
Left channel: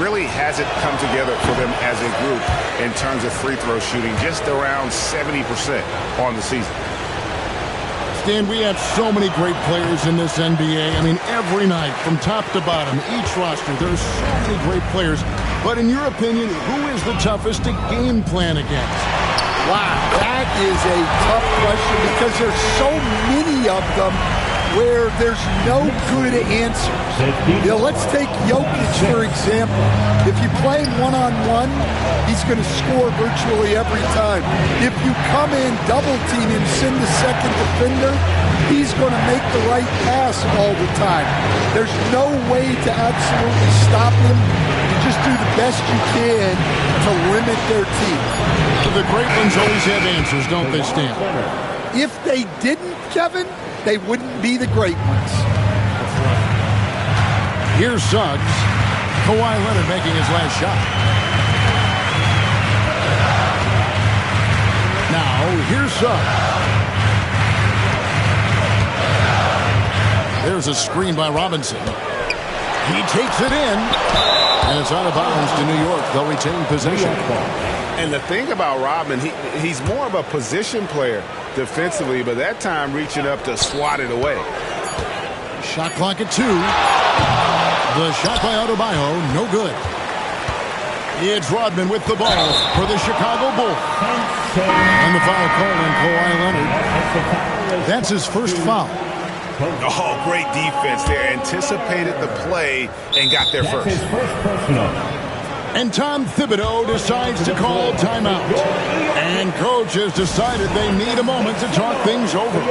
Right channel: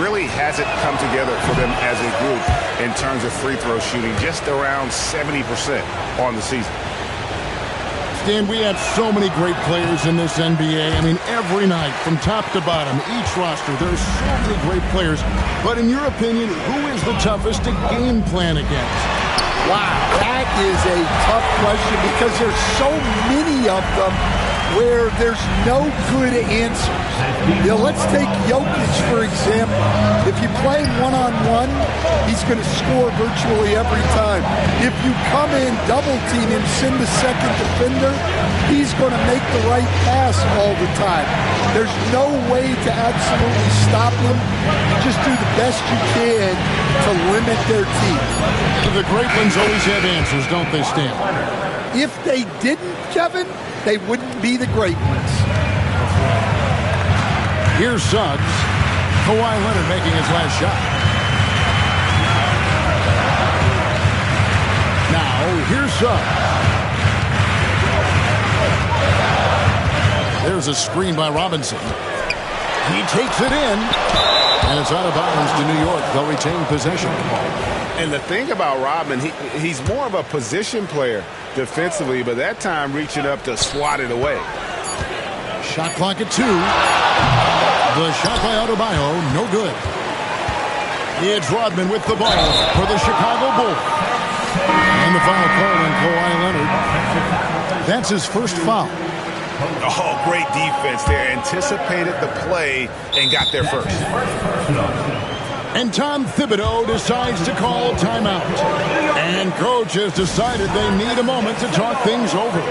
Really hasn't come together for them as a group in terms of free throw shooting, just around 70% on the season. Stan, we have so many great players in this NBA. I mean, every night from top to bottom, each roster, there's so many great players. But in your opinion, who is the toughest to game plan against? Wow, that is a tough question because there's so many of them where there's no good answers. You know, let's take Jokic, for example. If you play him one-on-one, he's going to score virtually every time. If you come in, double-team him, send the second defender, he's going to make the right pass all the time. There's no way to absolutely stop him. You just do the best you can to limit their team. The great ones always have answers, don't they, Stan? If they didn't, Kevin, they wouldn't be the great ones. Here's Suggs. Kawhi Leonard making his last shot. Now, here's Suggs. There's a screen by Robinson. He takes it in. And it's out of bounds to New York. They'll retain possession. And the thing about Rodman, he's more of a position player defensively, but that time reaching up to swat it away. Shot clock at 2. The shot by Adebayo, no good. It's Rodman with the ball for the Chicago Bulls. And the foul called on Kawhi Leonard. That's his first foul. Oh, great defense there. Anticipated the play and got there first. And Tom Thibodeau decides to call timeout. And coach has decided they need a moment to talk things over.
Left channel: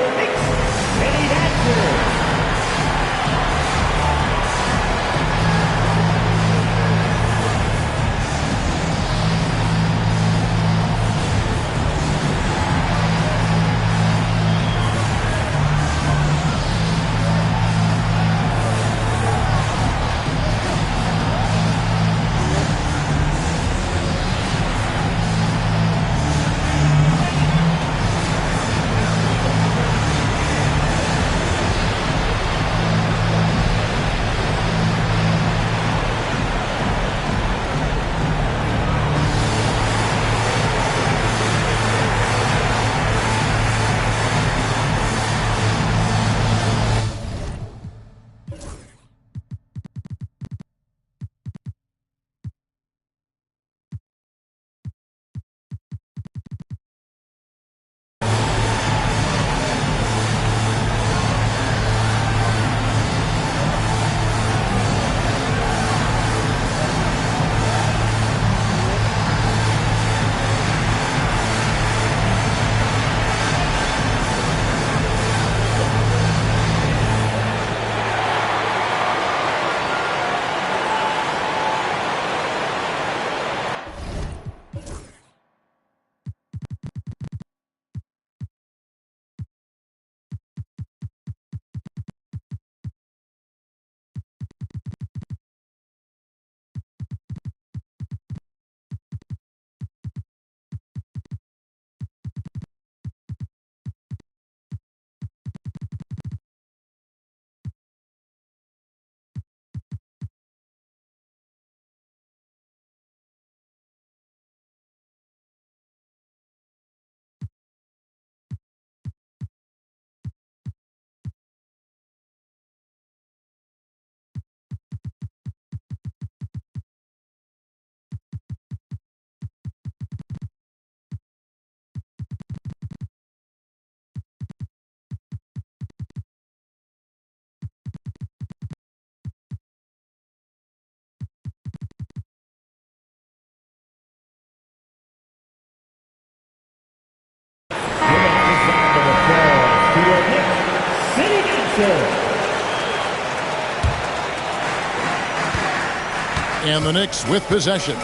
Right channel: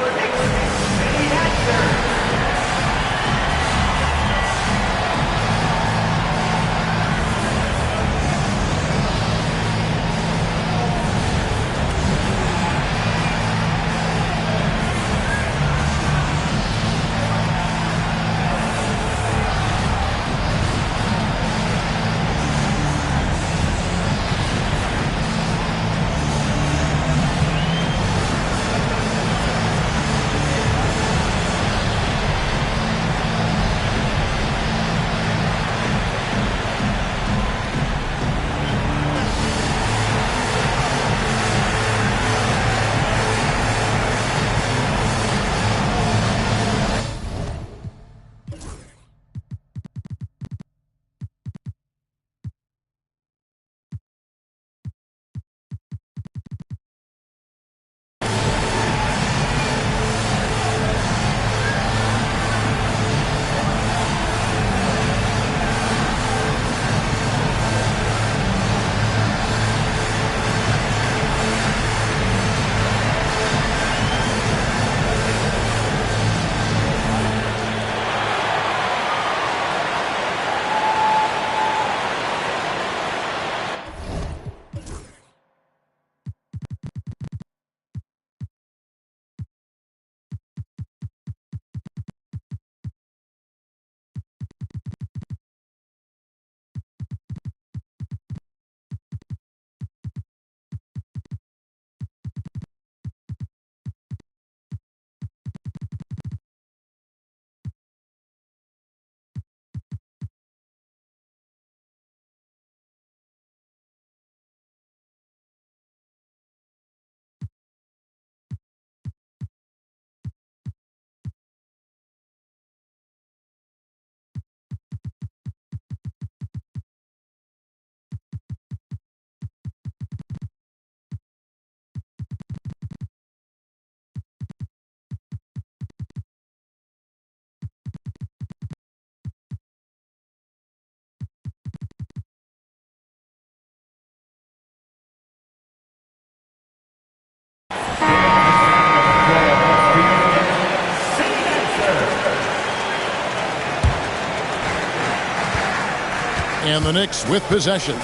And the Knicks with possession.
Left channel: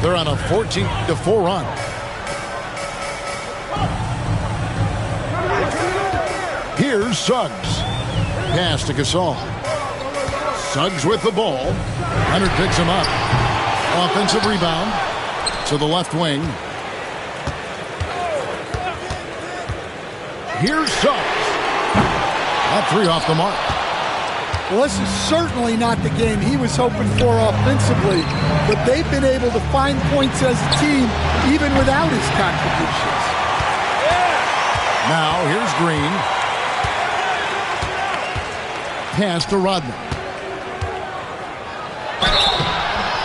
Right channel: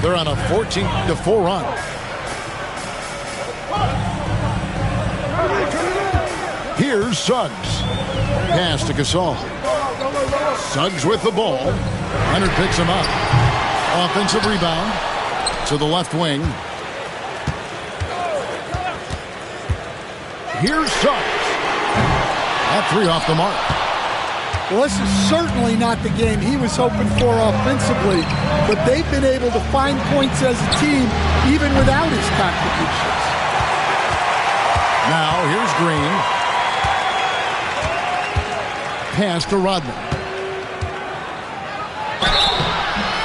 They're on a 14-4 run. Here's Suggs. Pass to Gasol. Suggs with the ball. Leonard picks him up. Offensive rebound to the left wing. Here's Suggs. That three off the mark. Well, this is certainly not the game he was hoping for offensively, but they've been able to find points as a team even without his contributions. Now, here's Green. Pass to Rodman.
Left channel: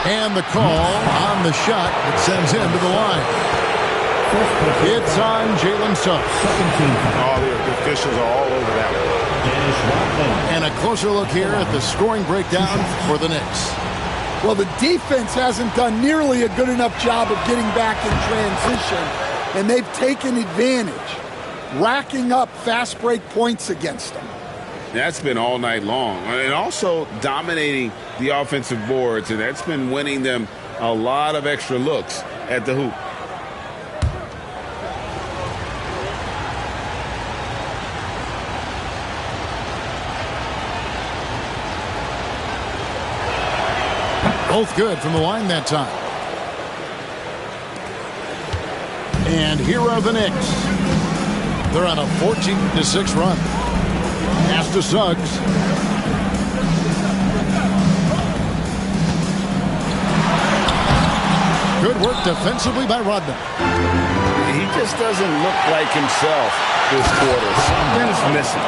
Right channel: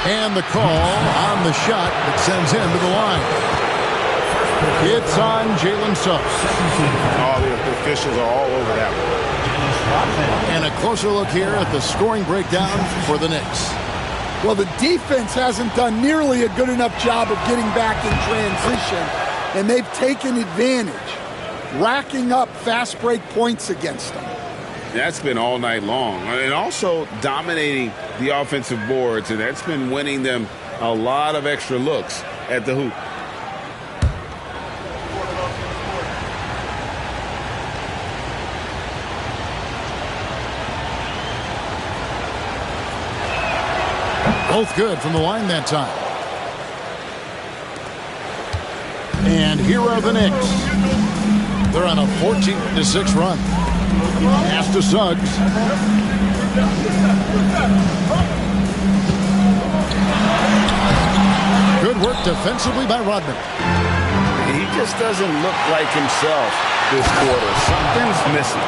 And the call on the shot that sends him to the line. It's on Jalen Suggs. Oh, the officials are all over that one. And a closer look here at the scoring breakdown for the Knicks. Well, the defense hasn't done nearly a good enough job of getting back in transition, and they've taken advantage, racking up fast break points against them. That's been all night long. And also dominating the offensive boards, and that's been winning them a lot of extra looks at the hoop. Both good from the line that time. And here are the Knicks. They're on a 14-6 run. Pass to Suggs. Good work defensively by Rodman. He just doesn't look like himself this quarter. Something's missing.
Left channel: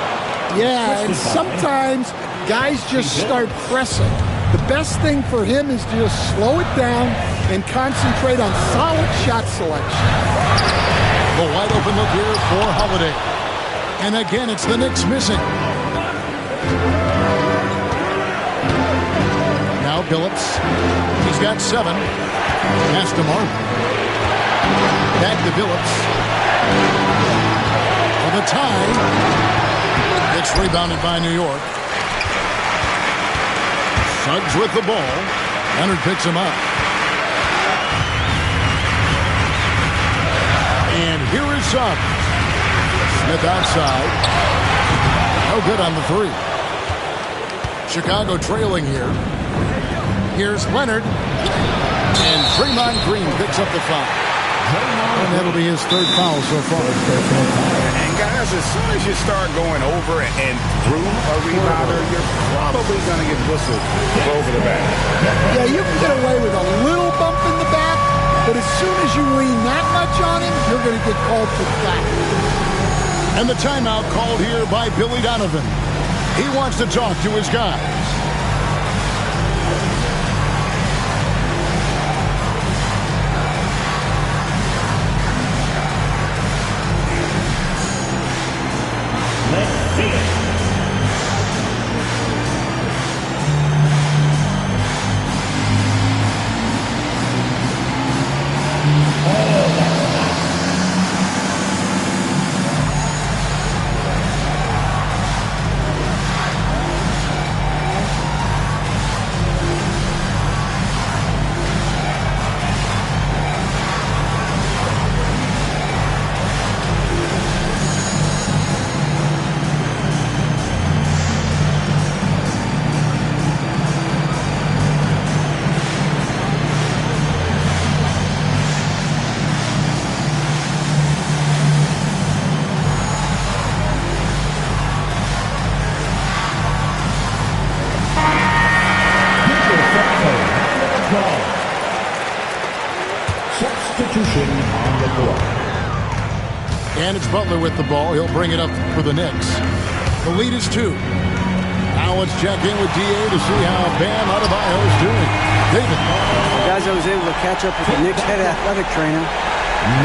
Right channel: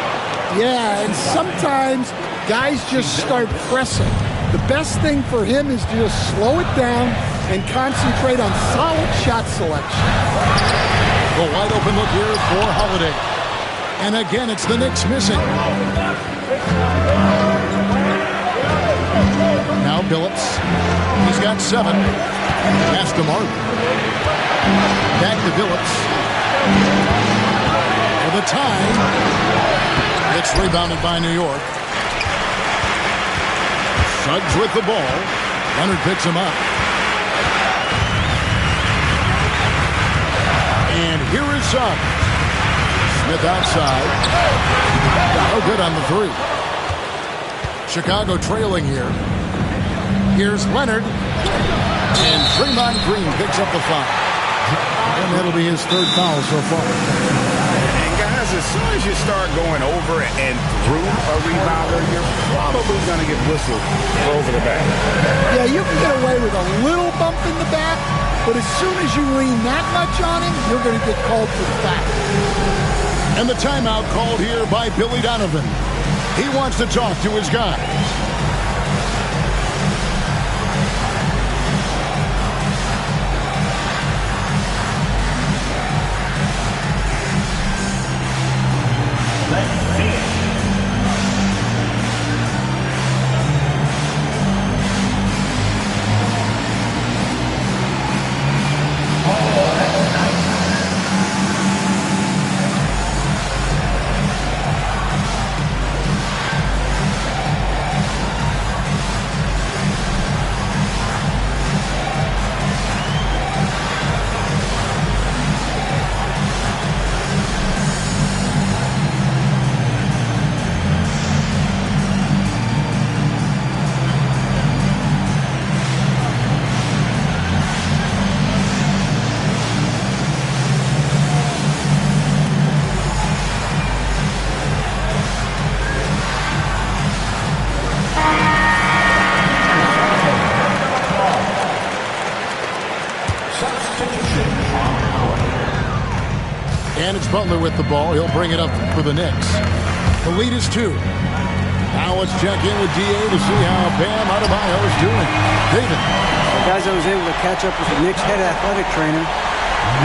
Yeah, and sometimes guys just start pressing. The best thing for him is to just slow it down, and concentrate on solid shot selection. The wide open look here for Holiday. And again, it's the Knicks missing. Now Billups. He's got 7. Pass to Martin. Back to Billups. For the tie. It's rebounded by New York. Suggs with the ball. Leonard picks him up. And here is Suggs. Smith outside. No good on the 3. Chicago trailing here. Here's Leonard. And Draymond Green picks up the foul. And that'll be his 3rd foul so far. And guys, as soon as you start going over and through a rebounder, you're probably going to get whistled for over the back. Yeah, you can get away with a little bump in the back, but as soon as you lean that much on him, you're going to get called for foul. And the timeout called here by Billy Donovan. He wants to talk to his guys. And it's Butler with the ball. He'll bring it up for the Knicks. The lead is 2. Now let's check in with DA to see how Bam Adebayo is doing. David. Well, guys, I was able to catch up with the Knicks head athletic trainer.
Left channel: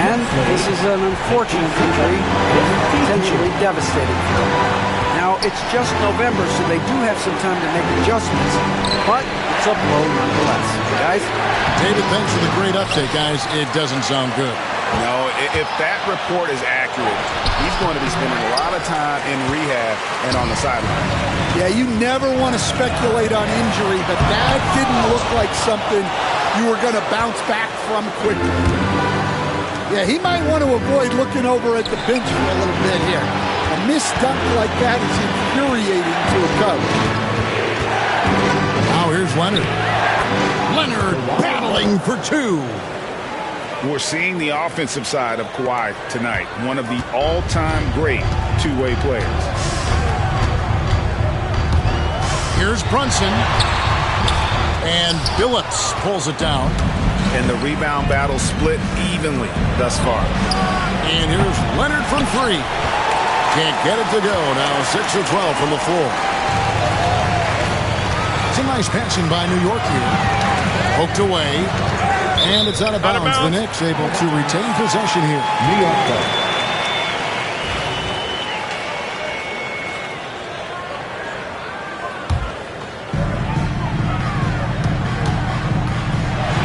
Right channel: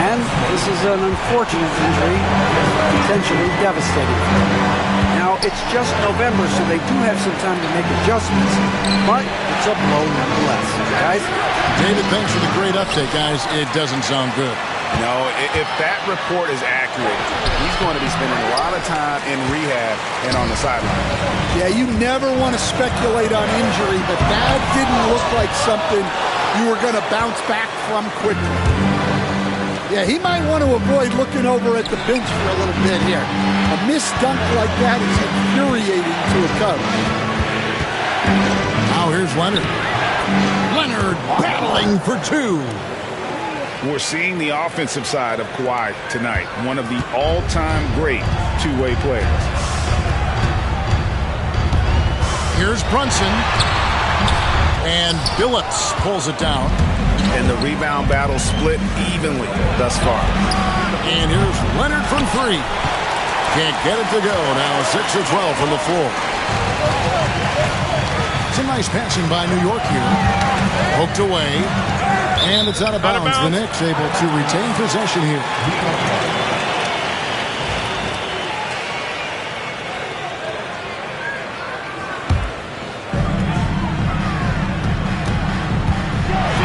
And this is an unfortunate injury, potentially devastating for them. Now, it's just November, so they do have some time to make adjustments, but it's a blow nonetheless. Guys? David, thanks for the great update, guys. It doesn't sound good. No, if that report is accurate, he's going to be spending a lot of time in rehab and on the sideline. Yeah, you never want to speculate on injury, but that didn't look like something you were going to bounce back from quickly. Yeah, he might want to avoid looking over at the bench for a little bit here. A missed dunk like that is infuriating to a coach. Now here's Leonard. Leonard battling for 2. We're seeing the offensive side of Kawhi tonight, one of the all-time great two-way players. Here's Brunson. And Billups pulls it down. And the rebound battle split evenly thus far. And here's Leonard from 3. Can't get it to go. Now 6 of 12 from the floor. Some nice passing by New York here. Poked away. And it's out of bounds. The Knicks able to retain possession here.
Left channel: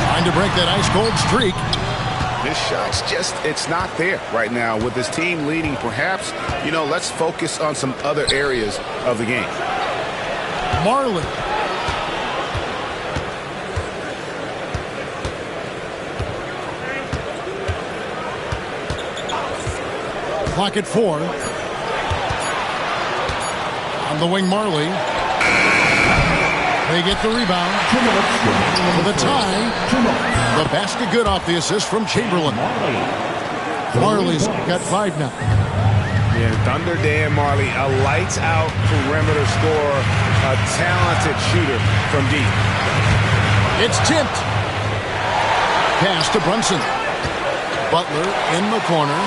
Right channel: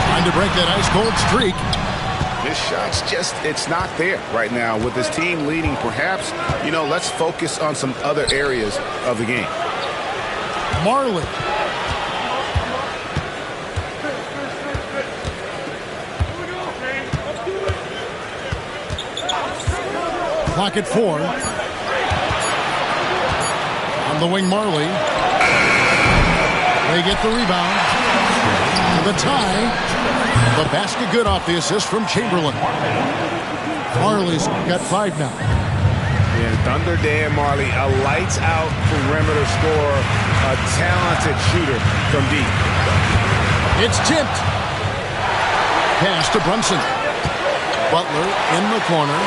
Trying to break that ice-cold streak. This shot's just, it's not there right now. With this team leading, perhaps, let's focus on some other areas of the game. Marley. Clock at 4. On the wing, Marley. They get the rebound. For the tie. The basket good off the assist from Chamberlain. Marley's got 5 now. Yeah, Thunder Dan Marley, a lights-out perimeter scorer, a talented shooter from deep. It's tipped. Pass to Brunson. Butler in the corner.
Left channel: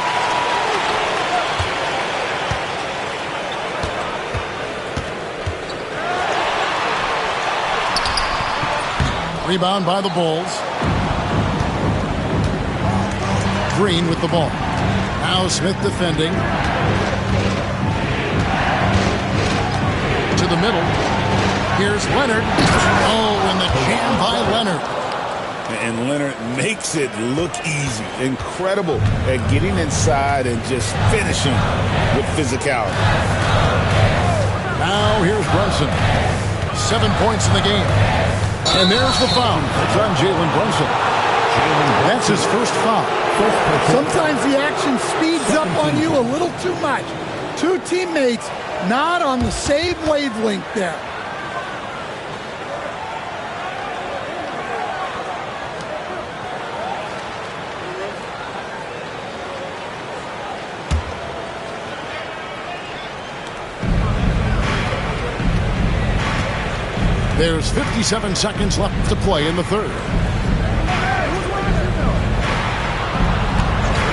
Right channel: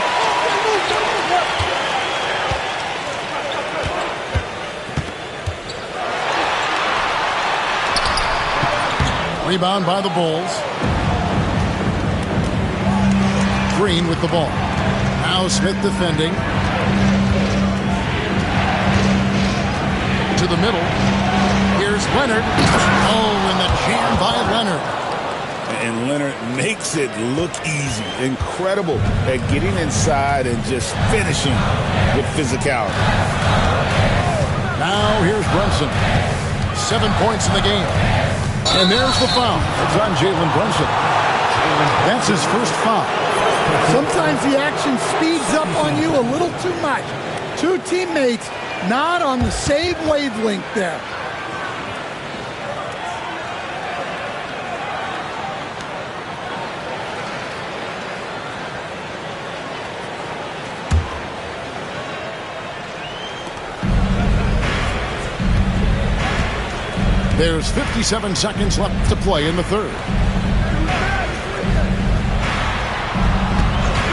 Rebound by the Bulls. Green with the ball. Now Smith defending. To the middle. Here's Leonard. Oh, and the jam by Leonard. And Leonard makes it look easy. Incredible at getting inside and just finishing with physicality. Now here's Brunson. 7 points in the game. And there's the foul. It's on Jalen Brunson. That's his first foul. Sometimes the action speeds up on you a little too much. Two teammates not on the same wavelength there. There's 57 seconds left to play in the third.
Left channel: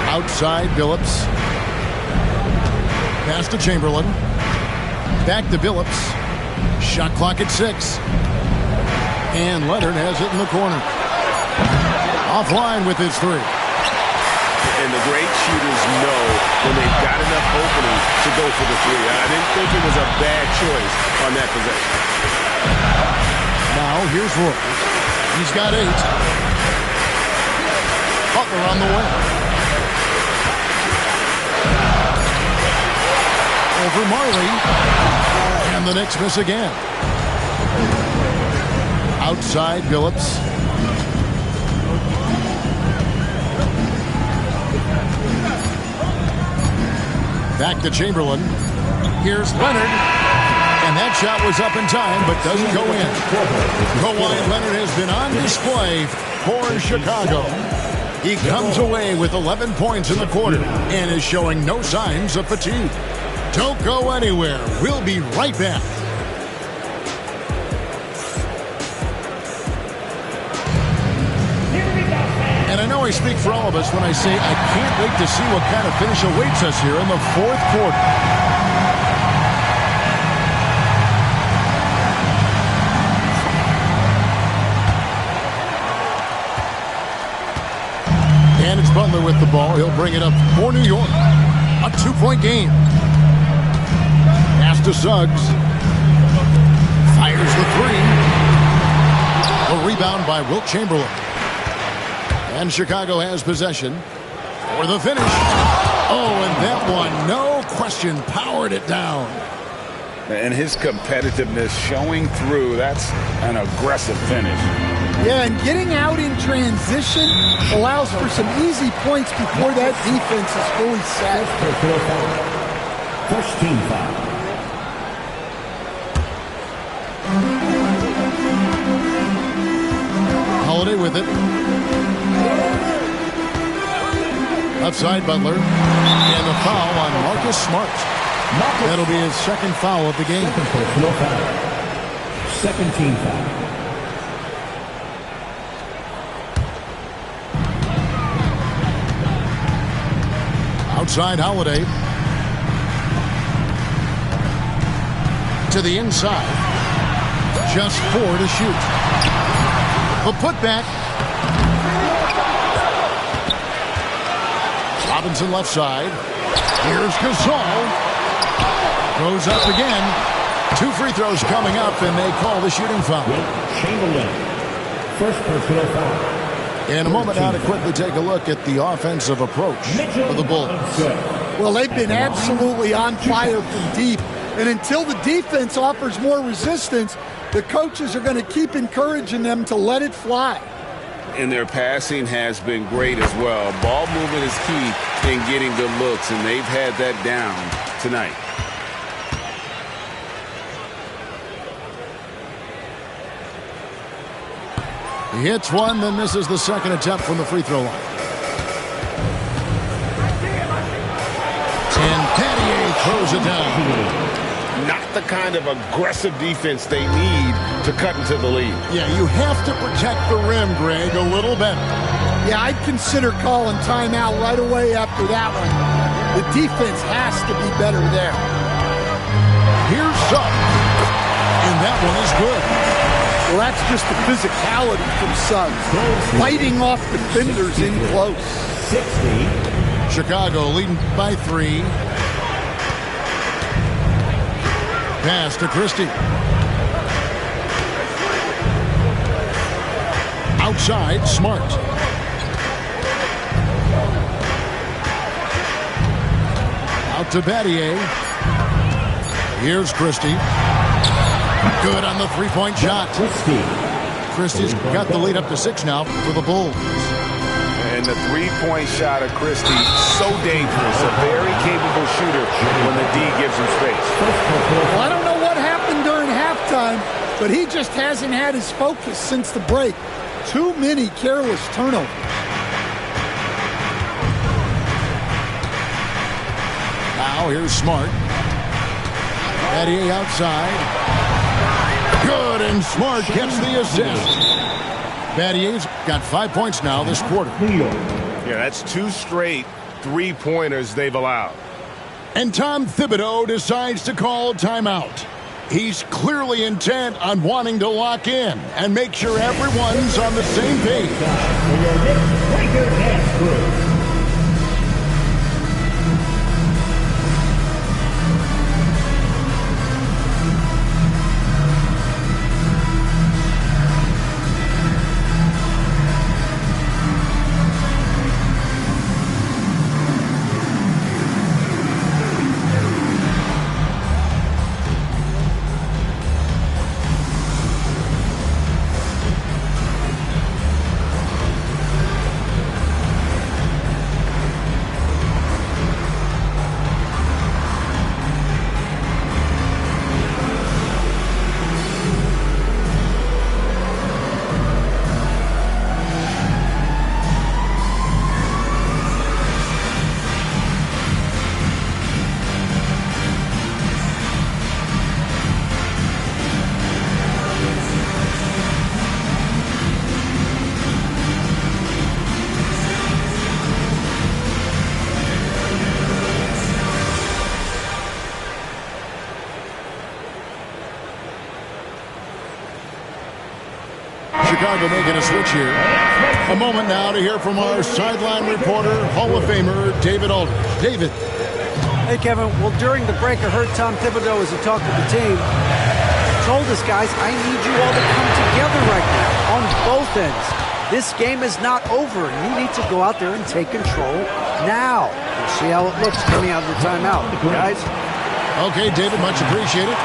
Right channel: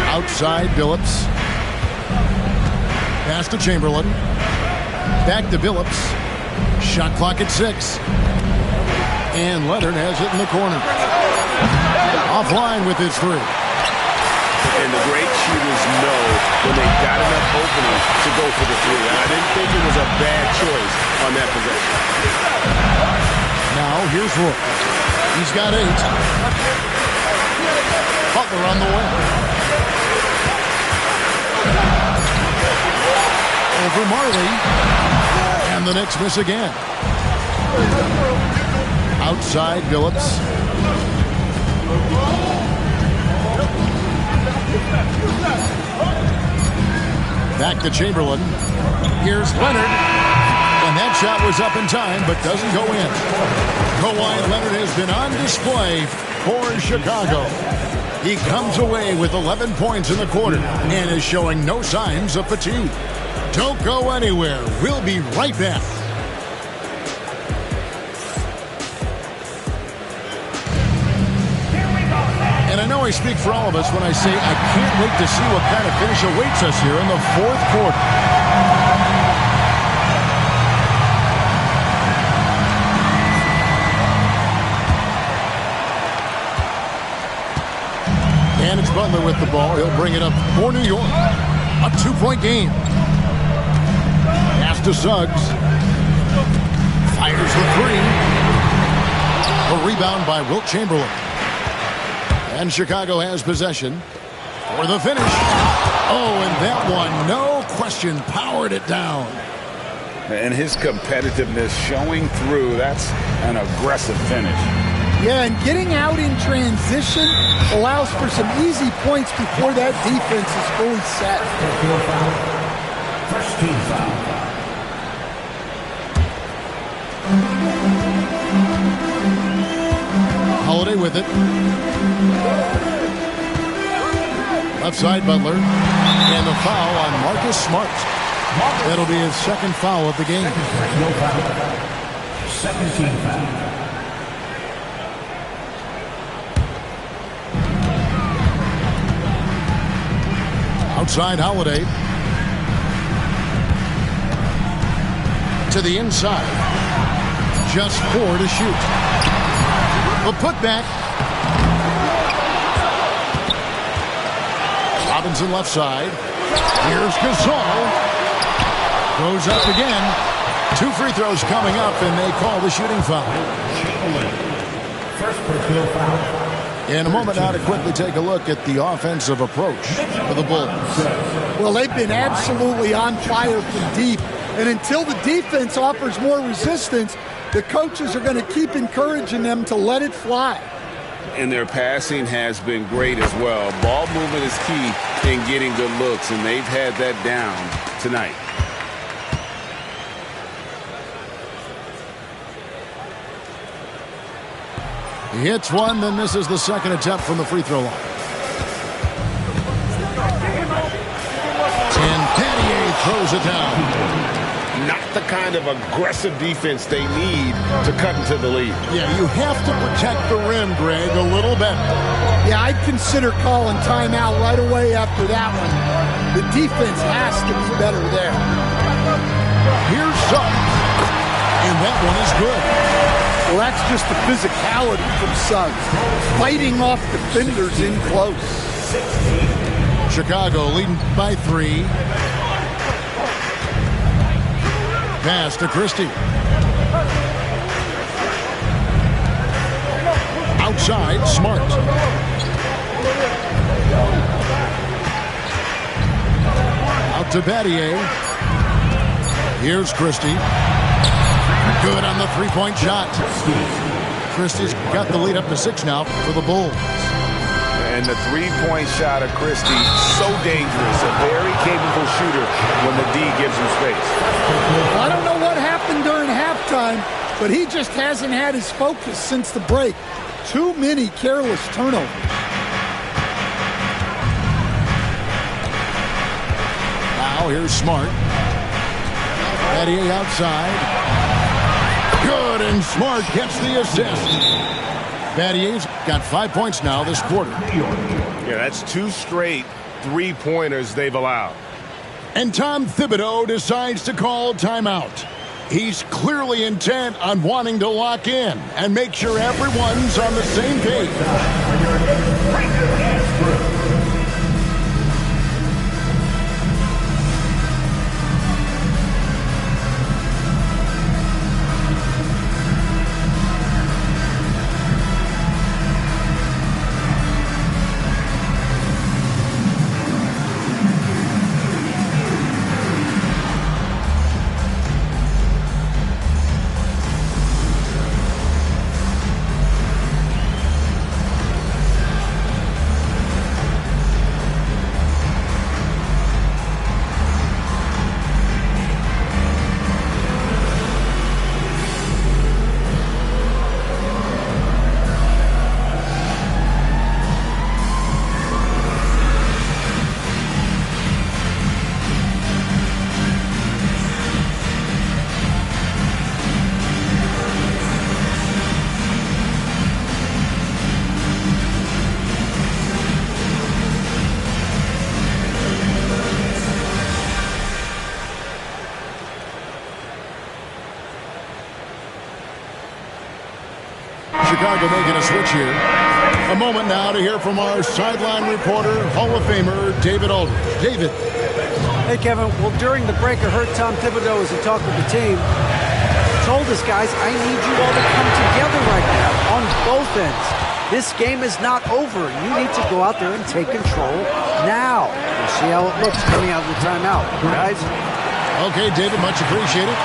Outside Billups. Pass to Chamberlain. Back to Billups. Shot clock at 6. And Leonard has it in the corner. Offline with his three. And the great shooters know when they've got enough opening to go for the three. I didn't think it was a bad choice on that possession. Now here's Roy. He's got 8. Butler on the way. Over Marley. And the Knicks miss again. Outside Billups. Back to Chamberlain. Here's Leonard. And that shot was up in time, but doesn't go in. Kawhi Leonard has been on display for Chicago. He comes away with 11 points in the quarter and is showing no signs of fatigue. Don't go anywhere. We'll be right back. And I know I speak for all of us when I say I can't wait to see what kind of finish awaits us here in the fourth quarter. And it's Butler with the ball. He'll bring it up for New York. A 2-point game. Pass to Suggs. Fires the three. A rebound by Wilt Chamberlain. And Chicago has possession for the finish. Oh, and that one, no question, powered it down. And his competitiveness showing through. That's an aggressive finish. Yeah, and getting out in transition allows for some easy points before that defense is fully set. First team foul. Holiday with it. Left side Butler. And the foul on Marcus Smart. That'll be his second foul of the game. Personal foul. Second team foul. Outside Holiday. To the inside. Just 4 to shoot. A putback. Robinson left side. Here's Gasol. Goes up again. 2 free throws coming up, and they call the shooting foul. Chamberlain. First personal foul. In a moment now to quickly take a look at the offensive approach for the Bulls. Well, they've been absolutely on fire from deep. And until the defense offers more resistance, the coaches are going to keep encouraging them to let it fly. And their passing has been great as well. Ball movement is key in getting good looks, and they've had that down tonight. He hits one, then misses the second attempt from the free throw line. And Pattier throws it down. Not the kind of aggressive defense they need to cut into the lead. Yeah, you have to protect the rim, Greg, a little better. Yeah, I'd consider calling timeout right away after that one. The defense has to be better there. Here's Suggs. And that one is good. Well, that's just the physicality from Suggs. Fighting off defenders in close. 60. Chicago leading by 3. Pass to Christie. Outside, Smart. Out to Battier. Here's Christie. Good on the three-point shot. Christie's got the lead up to 6 now for the Bulls. And the three-point shot of Christie, so dangerous. A very capable shooter when the D gives him space. Well, I don't know what happened during halftime, but he just hasn't had his focus since the break. Too many careless turnovers. Now here's Smart. Battier outside. Good, and Smart gets the assist. Battier's got 5 points now this quarter. Yeah, that's 2 straight three-pointers they've allowed. And Tom Thibodeau decides to call timeout. He's clearly intent on wanting to lock in and make sure everyone's on the same page. Chicago making a switch here. A moment now to hear from our sideline reporter, Hall of Famer David Aldridge. David. Hey, Kevin. Well, during the break, I heard Tom Thibodeau as he talked with the team. Told us, guys, I need you all to come together right now on both ends. This game is not over, and you need to go out there and take control now. We'll see how it looks coming out of the timeout, guys. Okay, David, much appreciated.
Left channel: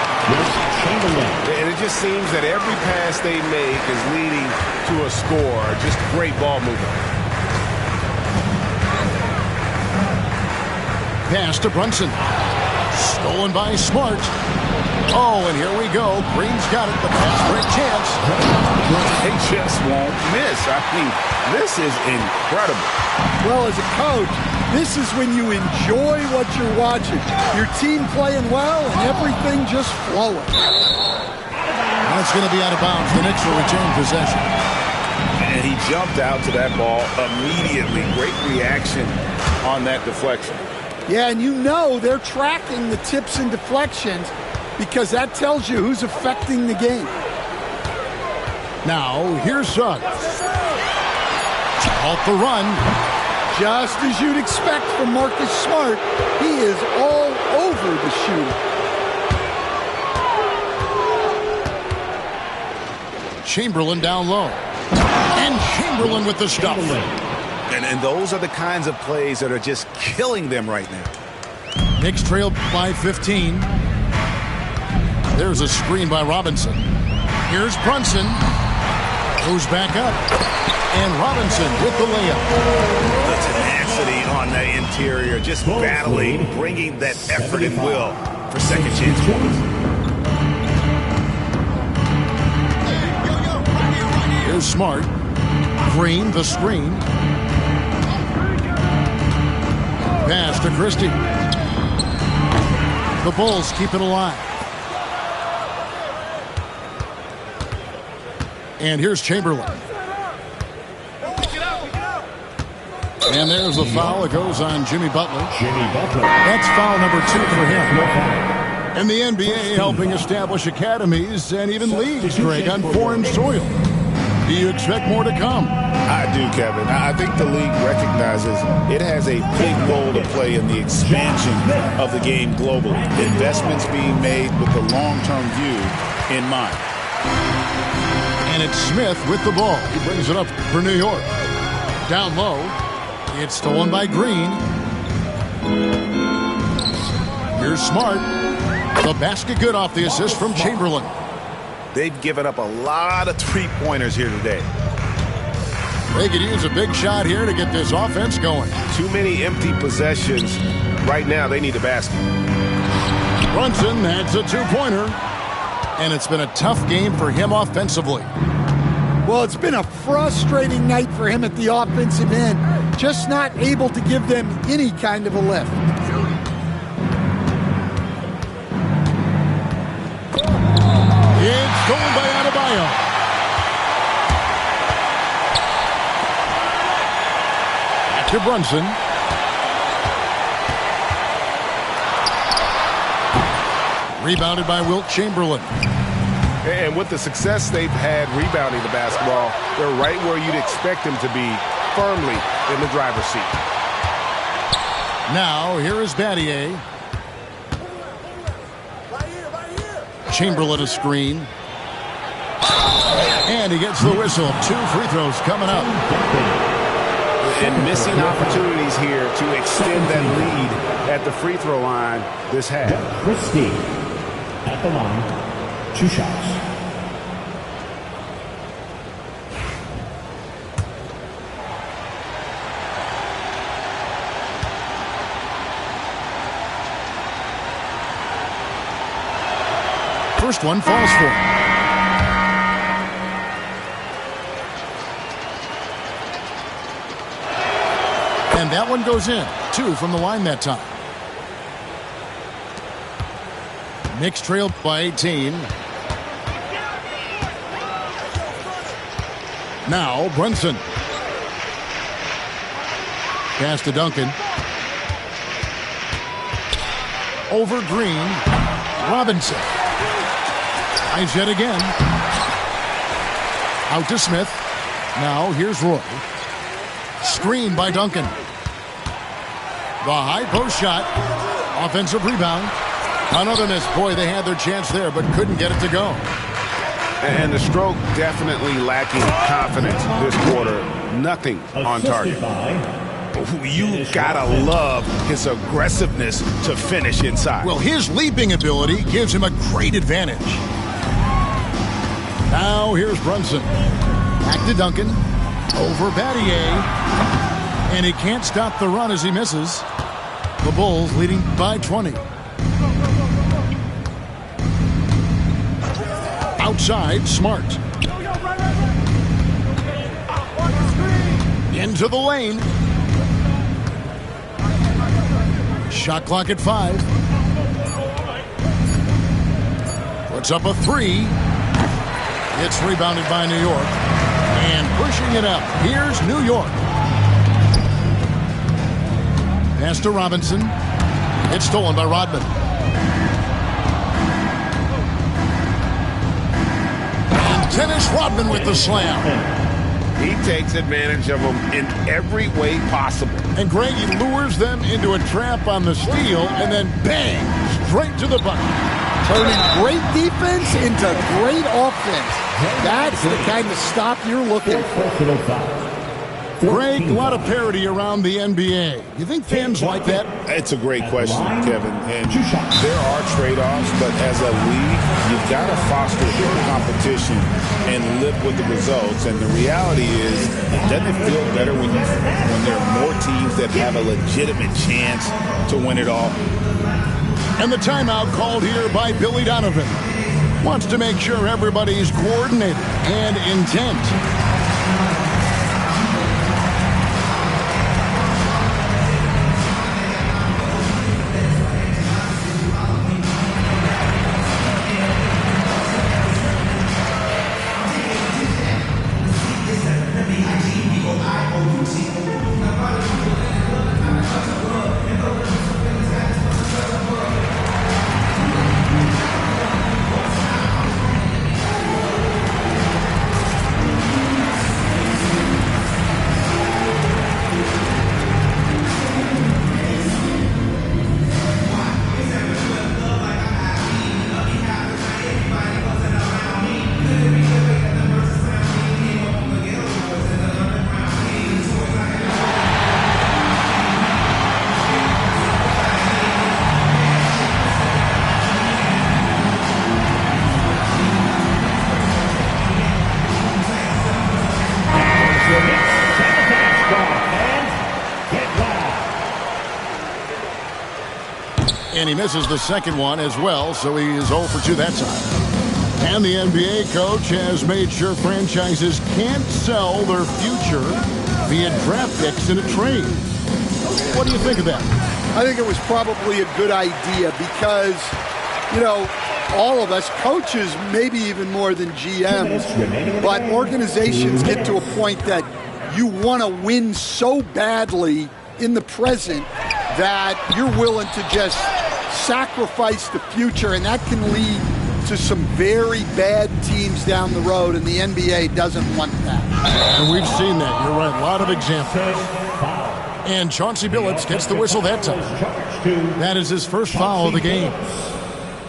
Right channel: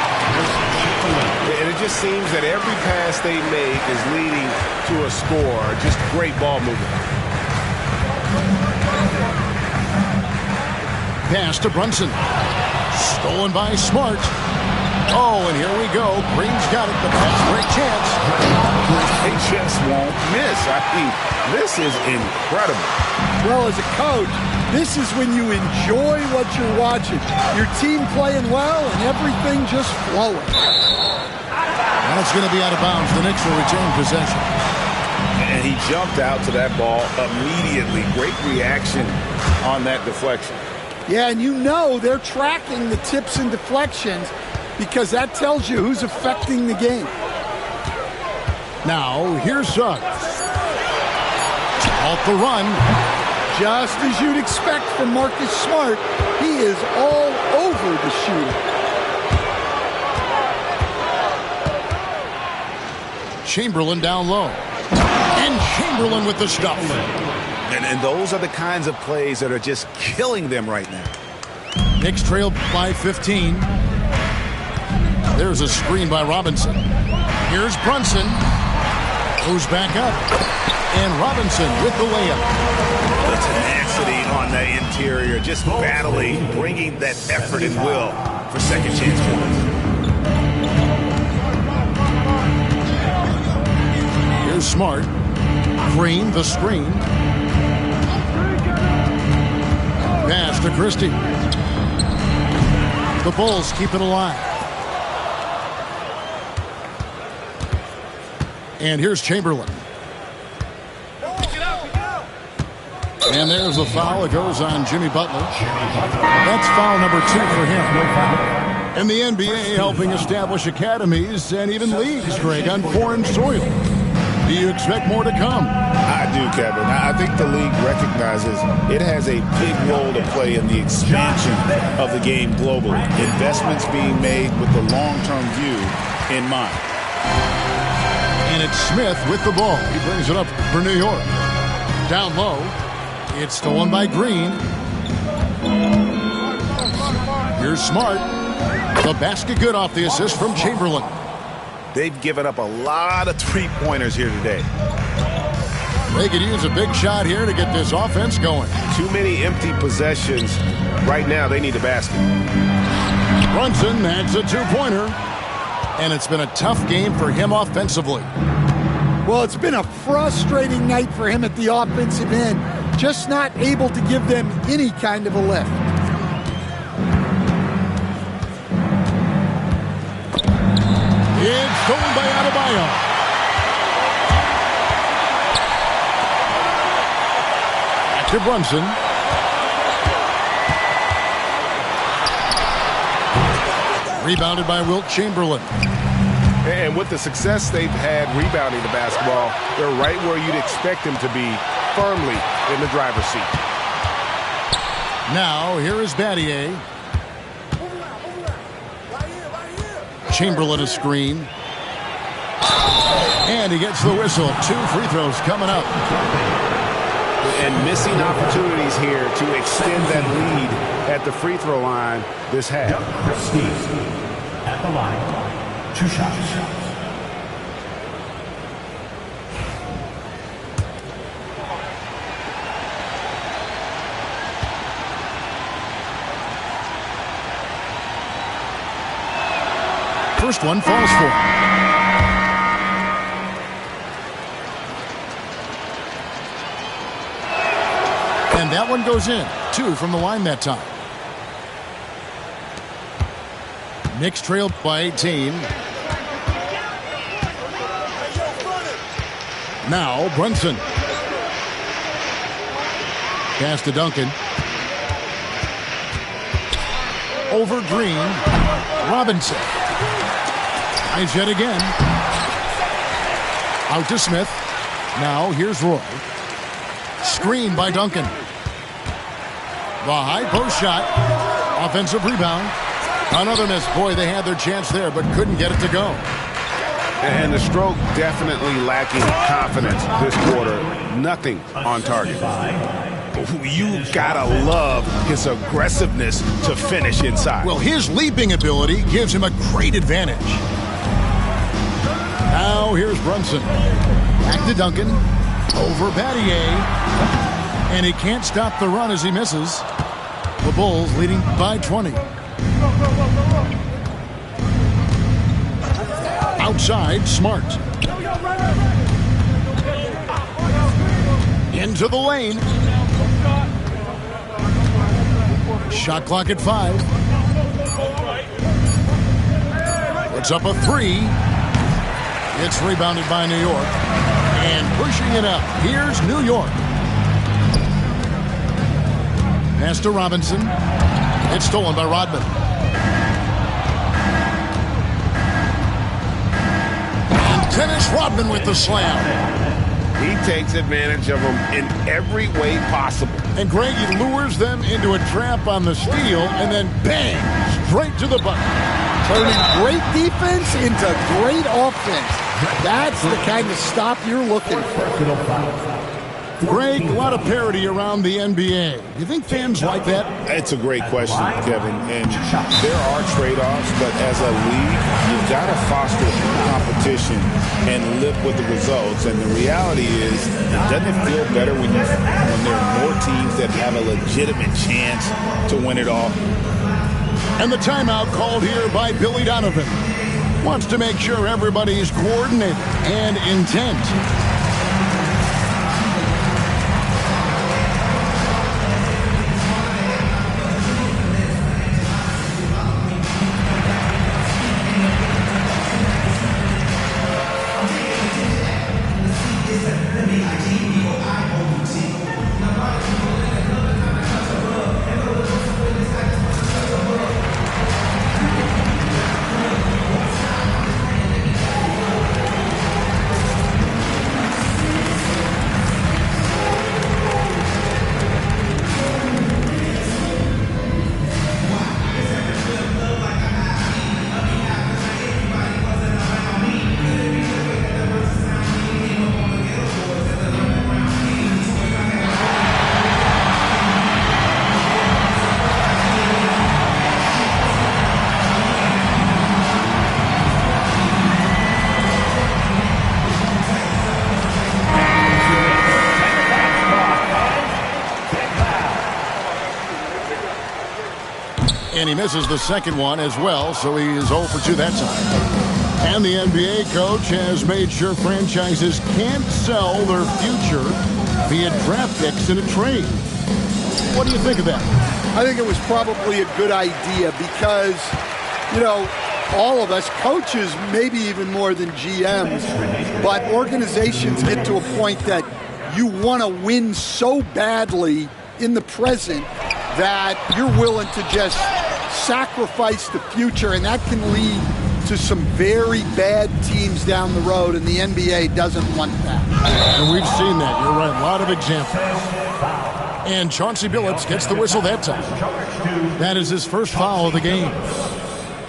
And it just seems that every pass they make is leading to a score. Just great ball movement. Pass to Brunson. Stolen by Smart. Oh, and here we go. Green's got it. The pass break chance. They just won't miss. I mean, this is incredible. Well, as a coach, this is when you enjoy what you're watching. Your team playing well and everything just flowing. That's going to be out of bounds. The Knicks will retain possession. And he jumped out to that ball immediately. Great reaction on that deflection. Yeah, and you know they're tracking the tips and deflections because that tells you who's affecting the game. Now, here's Suggs. Halt the run. Just as you'd expect from Marcus Smart, he is all over the shooter. Chamberlain down low. And Chamberlain with the stuff. And those are the kinds of plays that are just killing them right now. Knicks trailed by 15. There's a screen by Robinson. Here's Brunson. Goes back up. And Robinson with the layup. The tenacity on the interior, just battling, bringing that effort and will for second chance points. Here's Smart. Green, the screen. Pass to Christie. The Bulls keep it alive. And here's Chamberlain. And there's the foul. It goes on Jimmy Butler. That's foul number 2 for him. And the NBA helping establish academies and even leagues, Greg, on foreign soil. Do you expect more to come? I do, Kevin. I think the league recognizes it has a big role to play in the expansion of the game globally. Investments being made with the long-term view in mind. And it's Smith with the ball. He brings it up for New York. Down low. It's stolen by Green. Here's Smart. The basket good off the assist from Chamberlain. They've given up a lot of three-pointers here today. They could use a big shot here to get this offense going. Too many empty possessions. Right now, they need a basket. Brunson adds a two-pointer. And it's been a tough game for him offensively. Well, it's been a frustrating night for him at the offensive end. Just not able to give them any kind of a lift. It's stolen by Adebayo. To Brunson. Rebounded by Wilt Chamberlain. And with the success they've had rebounding the basketball, they're right where you'd expect them to be, firmly in the driver's seat. Now, here is Battier. Chamberlain a screen. And he gets the whistle. 2 free throws coming up. And missing opportunities here to extend that lead at the free throw line this half. Christie at the line, 2 shots. First one falls for him. And that one goes in. 2 from the line that time. Knicks trailed by 18. Now Brunson. Pass to Duncan. Over Green. Robinson. Tries yet again. Out to Smith. Now here's Roy. Screen by Duncan. The high post shot. Offensive rebound. Another miss. Boy, they had their chance there, but couldn't get it to go. And the stroke definitely lacking confidence this quarter. Nothing on target. You gotta love his aggressiveness to finish inside. Well, his leaping ability gives him a great advantage. Now here's Brunson. Back to Duncan. Over Battier. And he can't stop the run as he misses. The Bulls leading by 20. Outside, Smart. Into the lane. Shot clock at 5. Puts up a 3. It's rebounded by New York. And pushing it up, here's New York. Pass to Robinson. It's stolen by Rodman. And Dennis Rodman with the slam. He takes advantage of them in every way possible. And Greg, he lures them into a trap on the steal, and then bang, straight to the bucket. Turning great defense into great offense. That's the kind of stop you're looking for. Greg, a lot of parity around the NBA. Do you think fans like that? It's a great question, Kevin. And there are trade-offs, but as a league, you've got to foster competition and live with the results. And the reality is, doesn't it feel better when there are more teams that have a legitimate chance to win it all? And the timeout called here by Billy Donovan. Wants to make sure everybody's coordinated and intent. And he misses the second one as well, so he is 0 for 2 that time. And the NBA coach has made sure franchises can't sell their future via draft picks in a trade. What do you think of that? I think it was probably a good idea because, you know, all of us, coaches, maybe even more than GMs, but organizations get to a point that you want to win so badly in the present that you're willing to just sacrifice the future, and that can lead to some very bad teams down the road, and the NBA doesn't want that. And we've seen that. You're right. A lot of examples. And Chauncey Billups gets the whistle that time. That is his first foul of the game.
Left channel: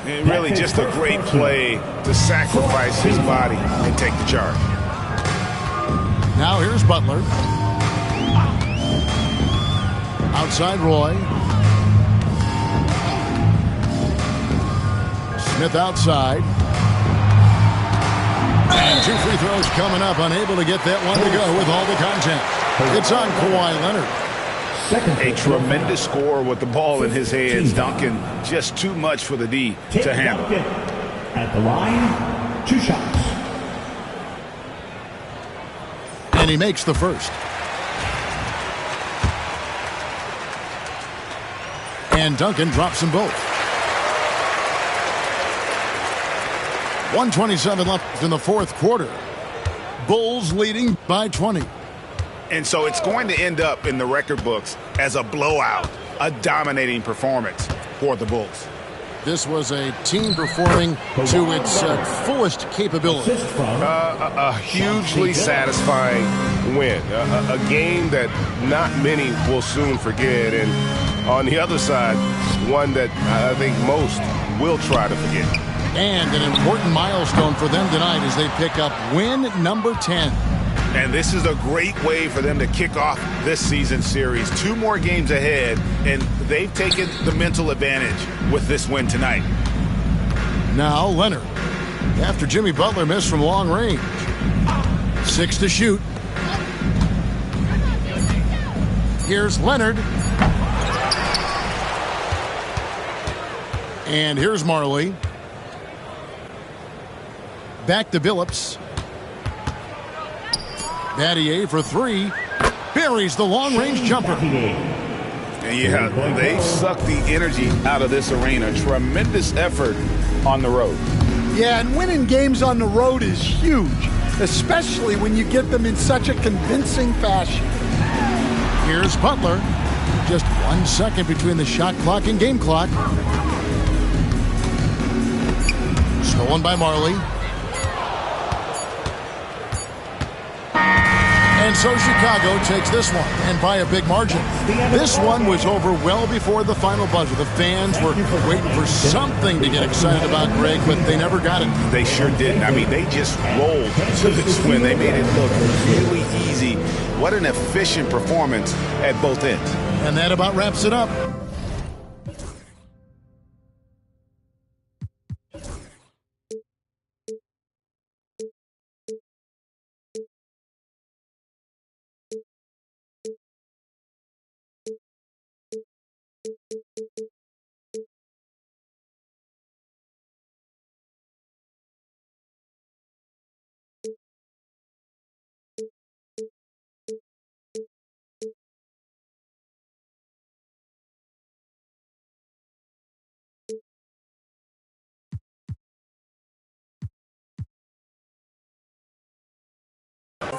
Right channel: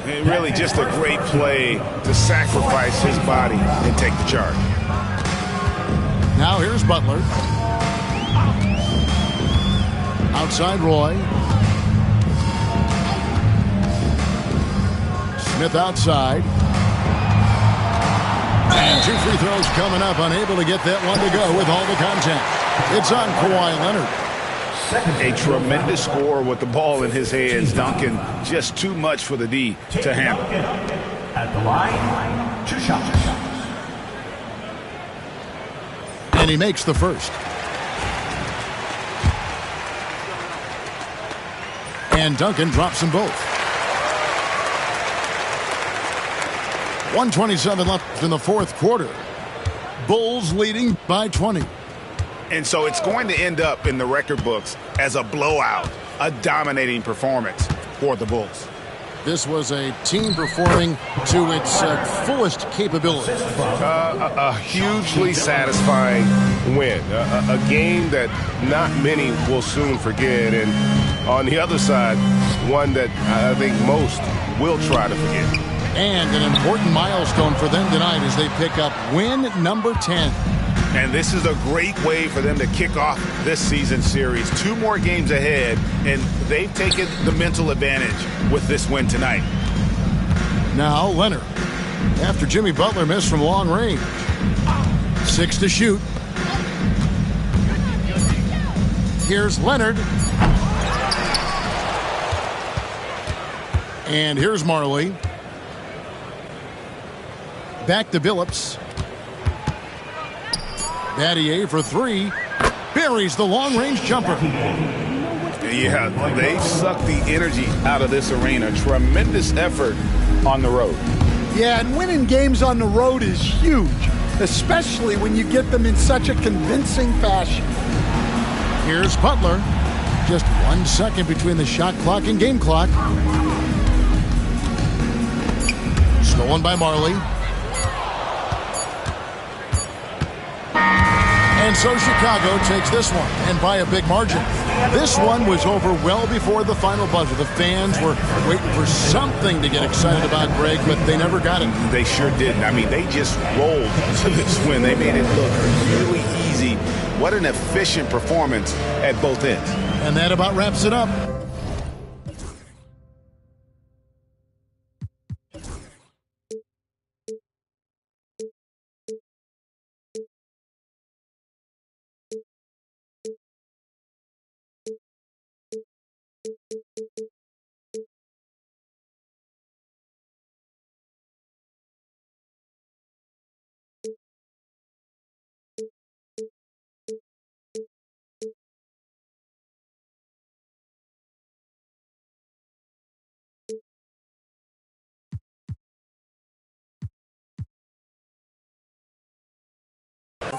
And really just a great play to sacrifice his body and take the charge. Now here's Butler. Outside Roy. Smith outside. And 2 free throws coming up. Unable to get that one to go with all the contact. It's on Kawhi Leonard. A tremendous score with the ball in his hands. Duncan just too much for the D to handle. At the line, 2 shots. And he makes the first. And Duncan drops them both. 1:27 left in the fourth quarter. Bulls leading by 20. And so it's going to end up in the record books as a blowout, a dominating performance for the Bulls. This was a team performing to its fullest capability. A hugely satisfying win. A game that not many will soon forget. And on the other side, one that I think most will try to forget. And an important milestone for them tonight as they pick up win number 10. And this is a great way for them to kick off this season series. 2 more games ahead, and they've taken the mental advantage with this win tonight. Now Leonard, after Jimmy Butler missed from long range. 6 to shoot. Here's Leonard. And here's Marley. Back to Billups. Battier for 3. Buries the long-range jumper. Yeah, they've sucked the energy out of this arena. Tremendous effort on the road. Yeah, and winning games on the road is huge, especially when you get them in such a convincing fashion. Here's Butler. Just 1 second between the shot clock and game clock. Stolen by Marley. And so Chicago takes this one, and by a big margin. This one was over well before the final buzzer. The fans were waiting for something to get excited about, Greg, but they never got it. They sure didn't. I mean, they just rolled to this win. They made it look really easy. What an efficient performance at both ends. And that about wraps it up.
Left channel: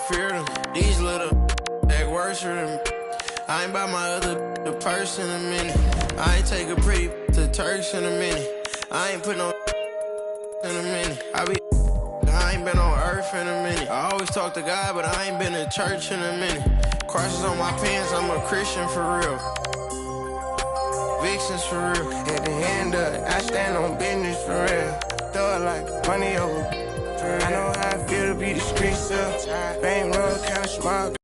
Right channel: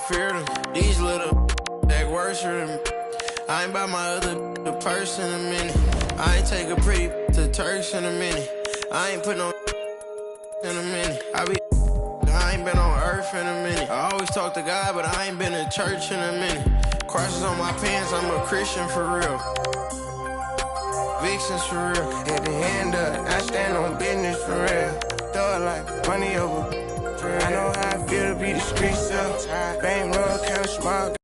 Fear them. These little act worse than me. I ain't by my other the purse in a minute. I ain't take a pretty to Turks in a minute. I ain't put no in a minute. I ain't been on earth in a minute. I always talk to God, but I ain't been to church in a minute. Crosses on my pants, I'm a Christian for real. Vixens for real. At the end of it, I stand on business for real. Throw it like money over. I know how I feel to be the street stuff. Bankroll, count small.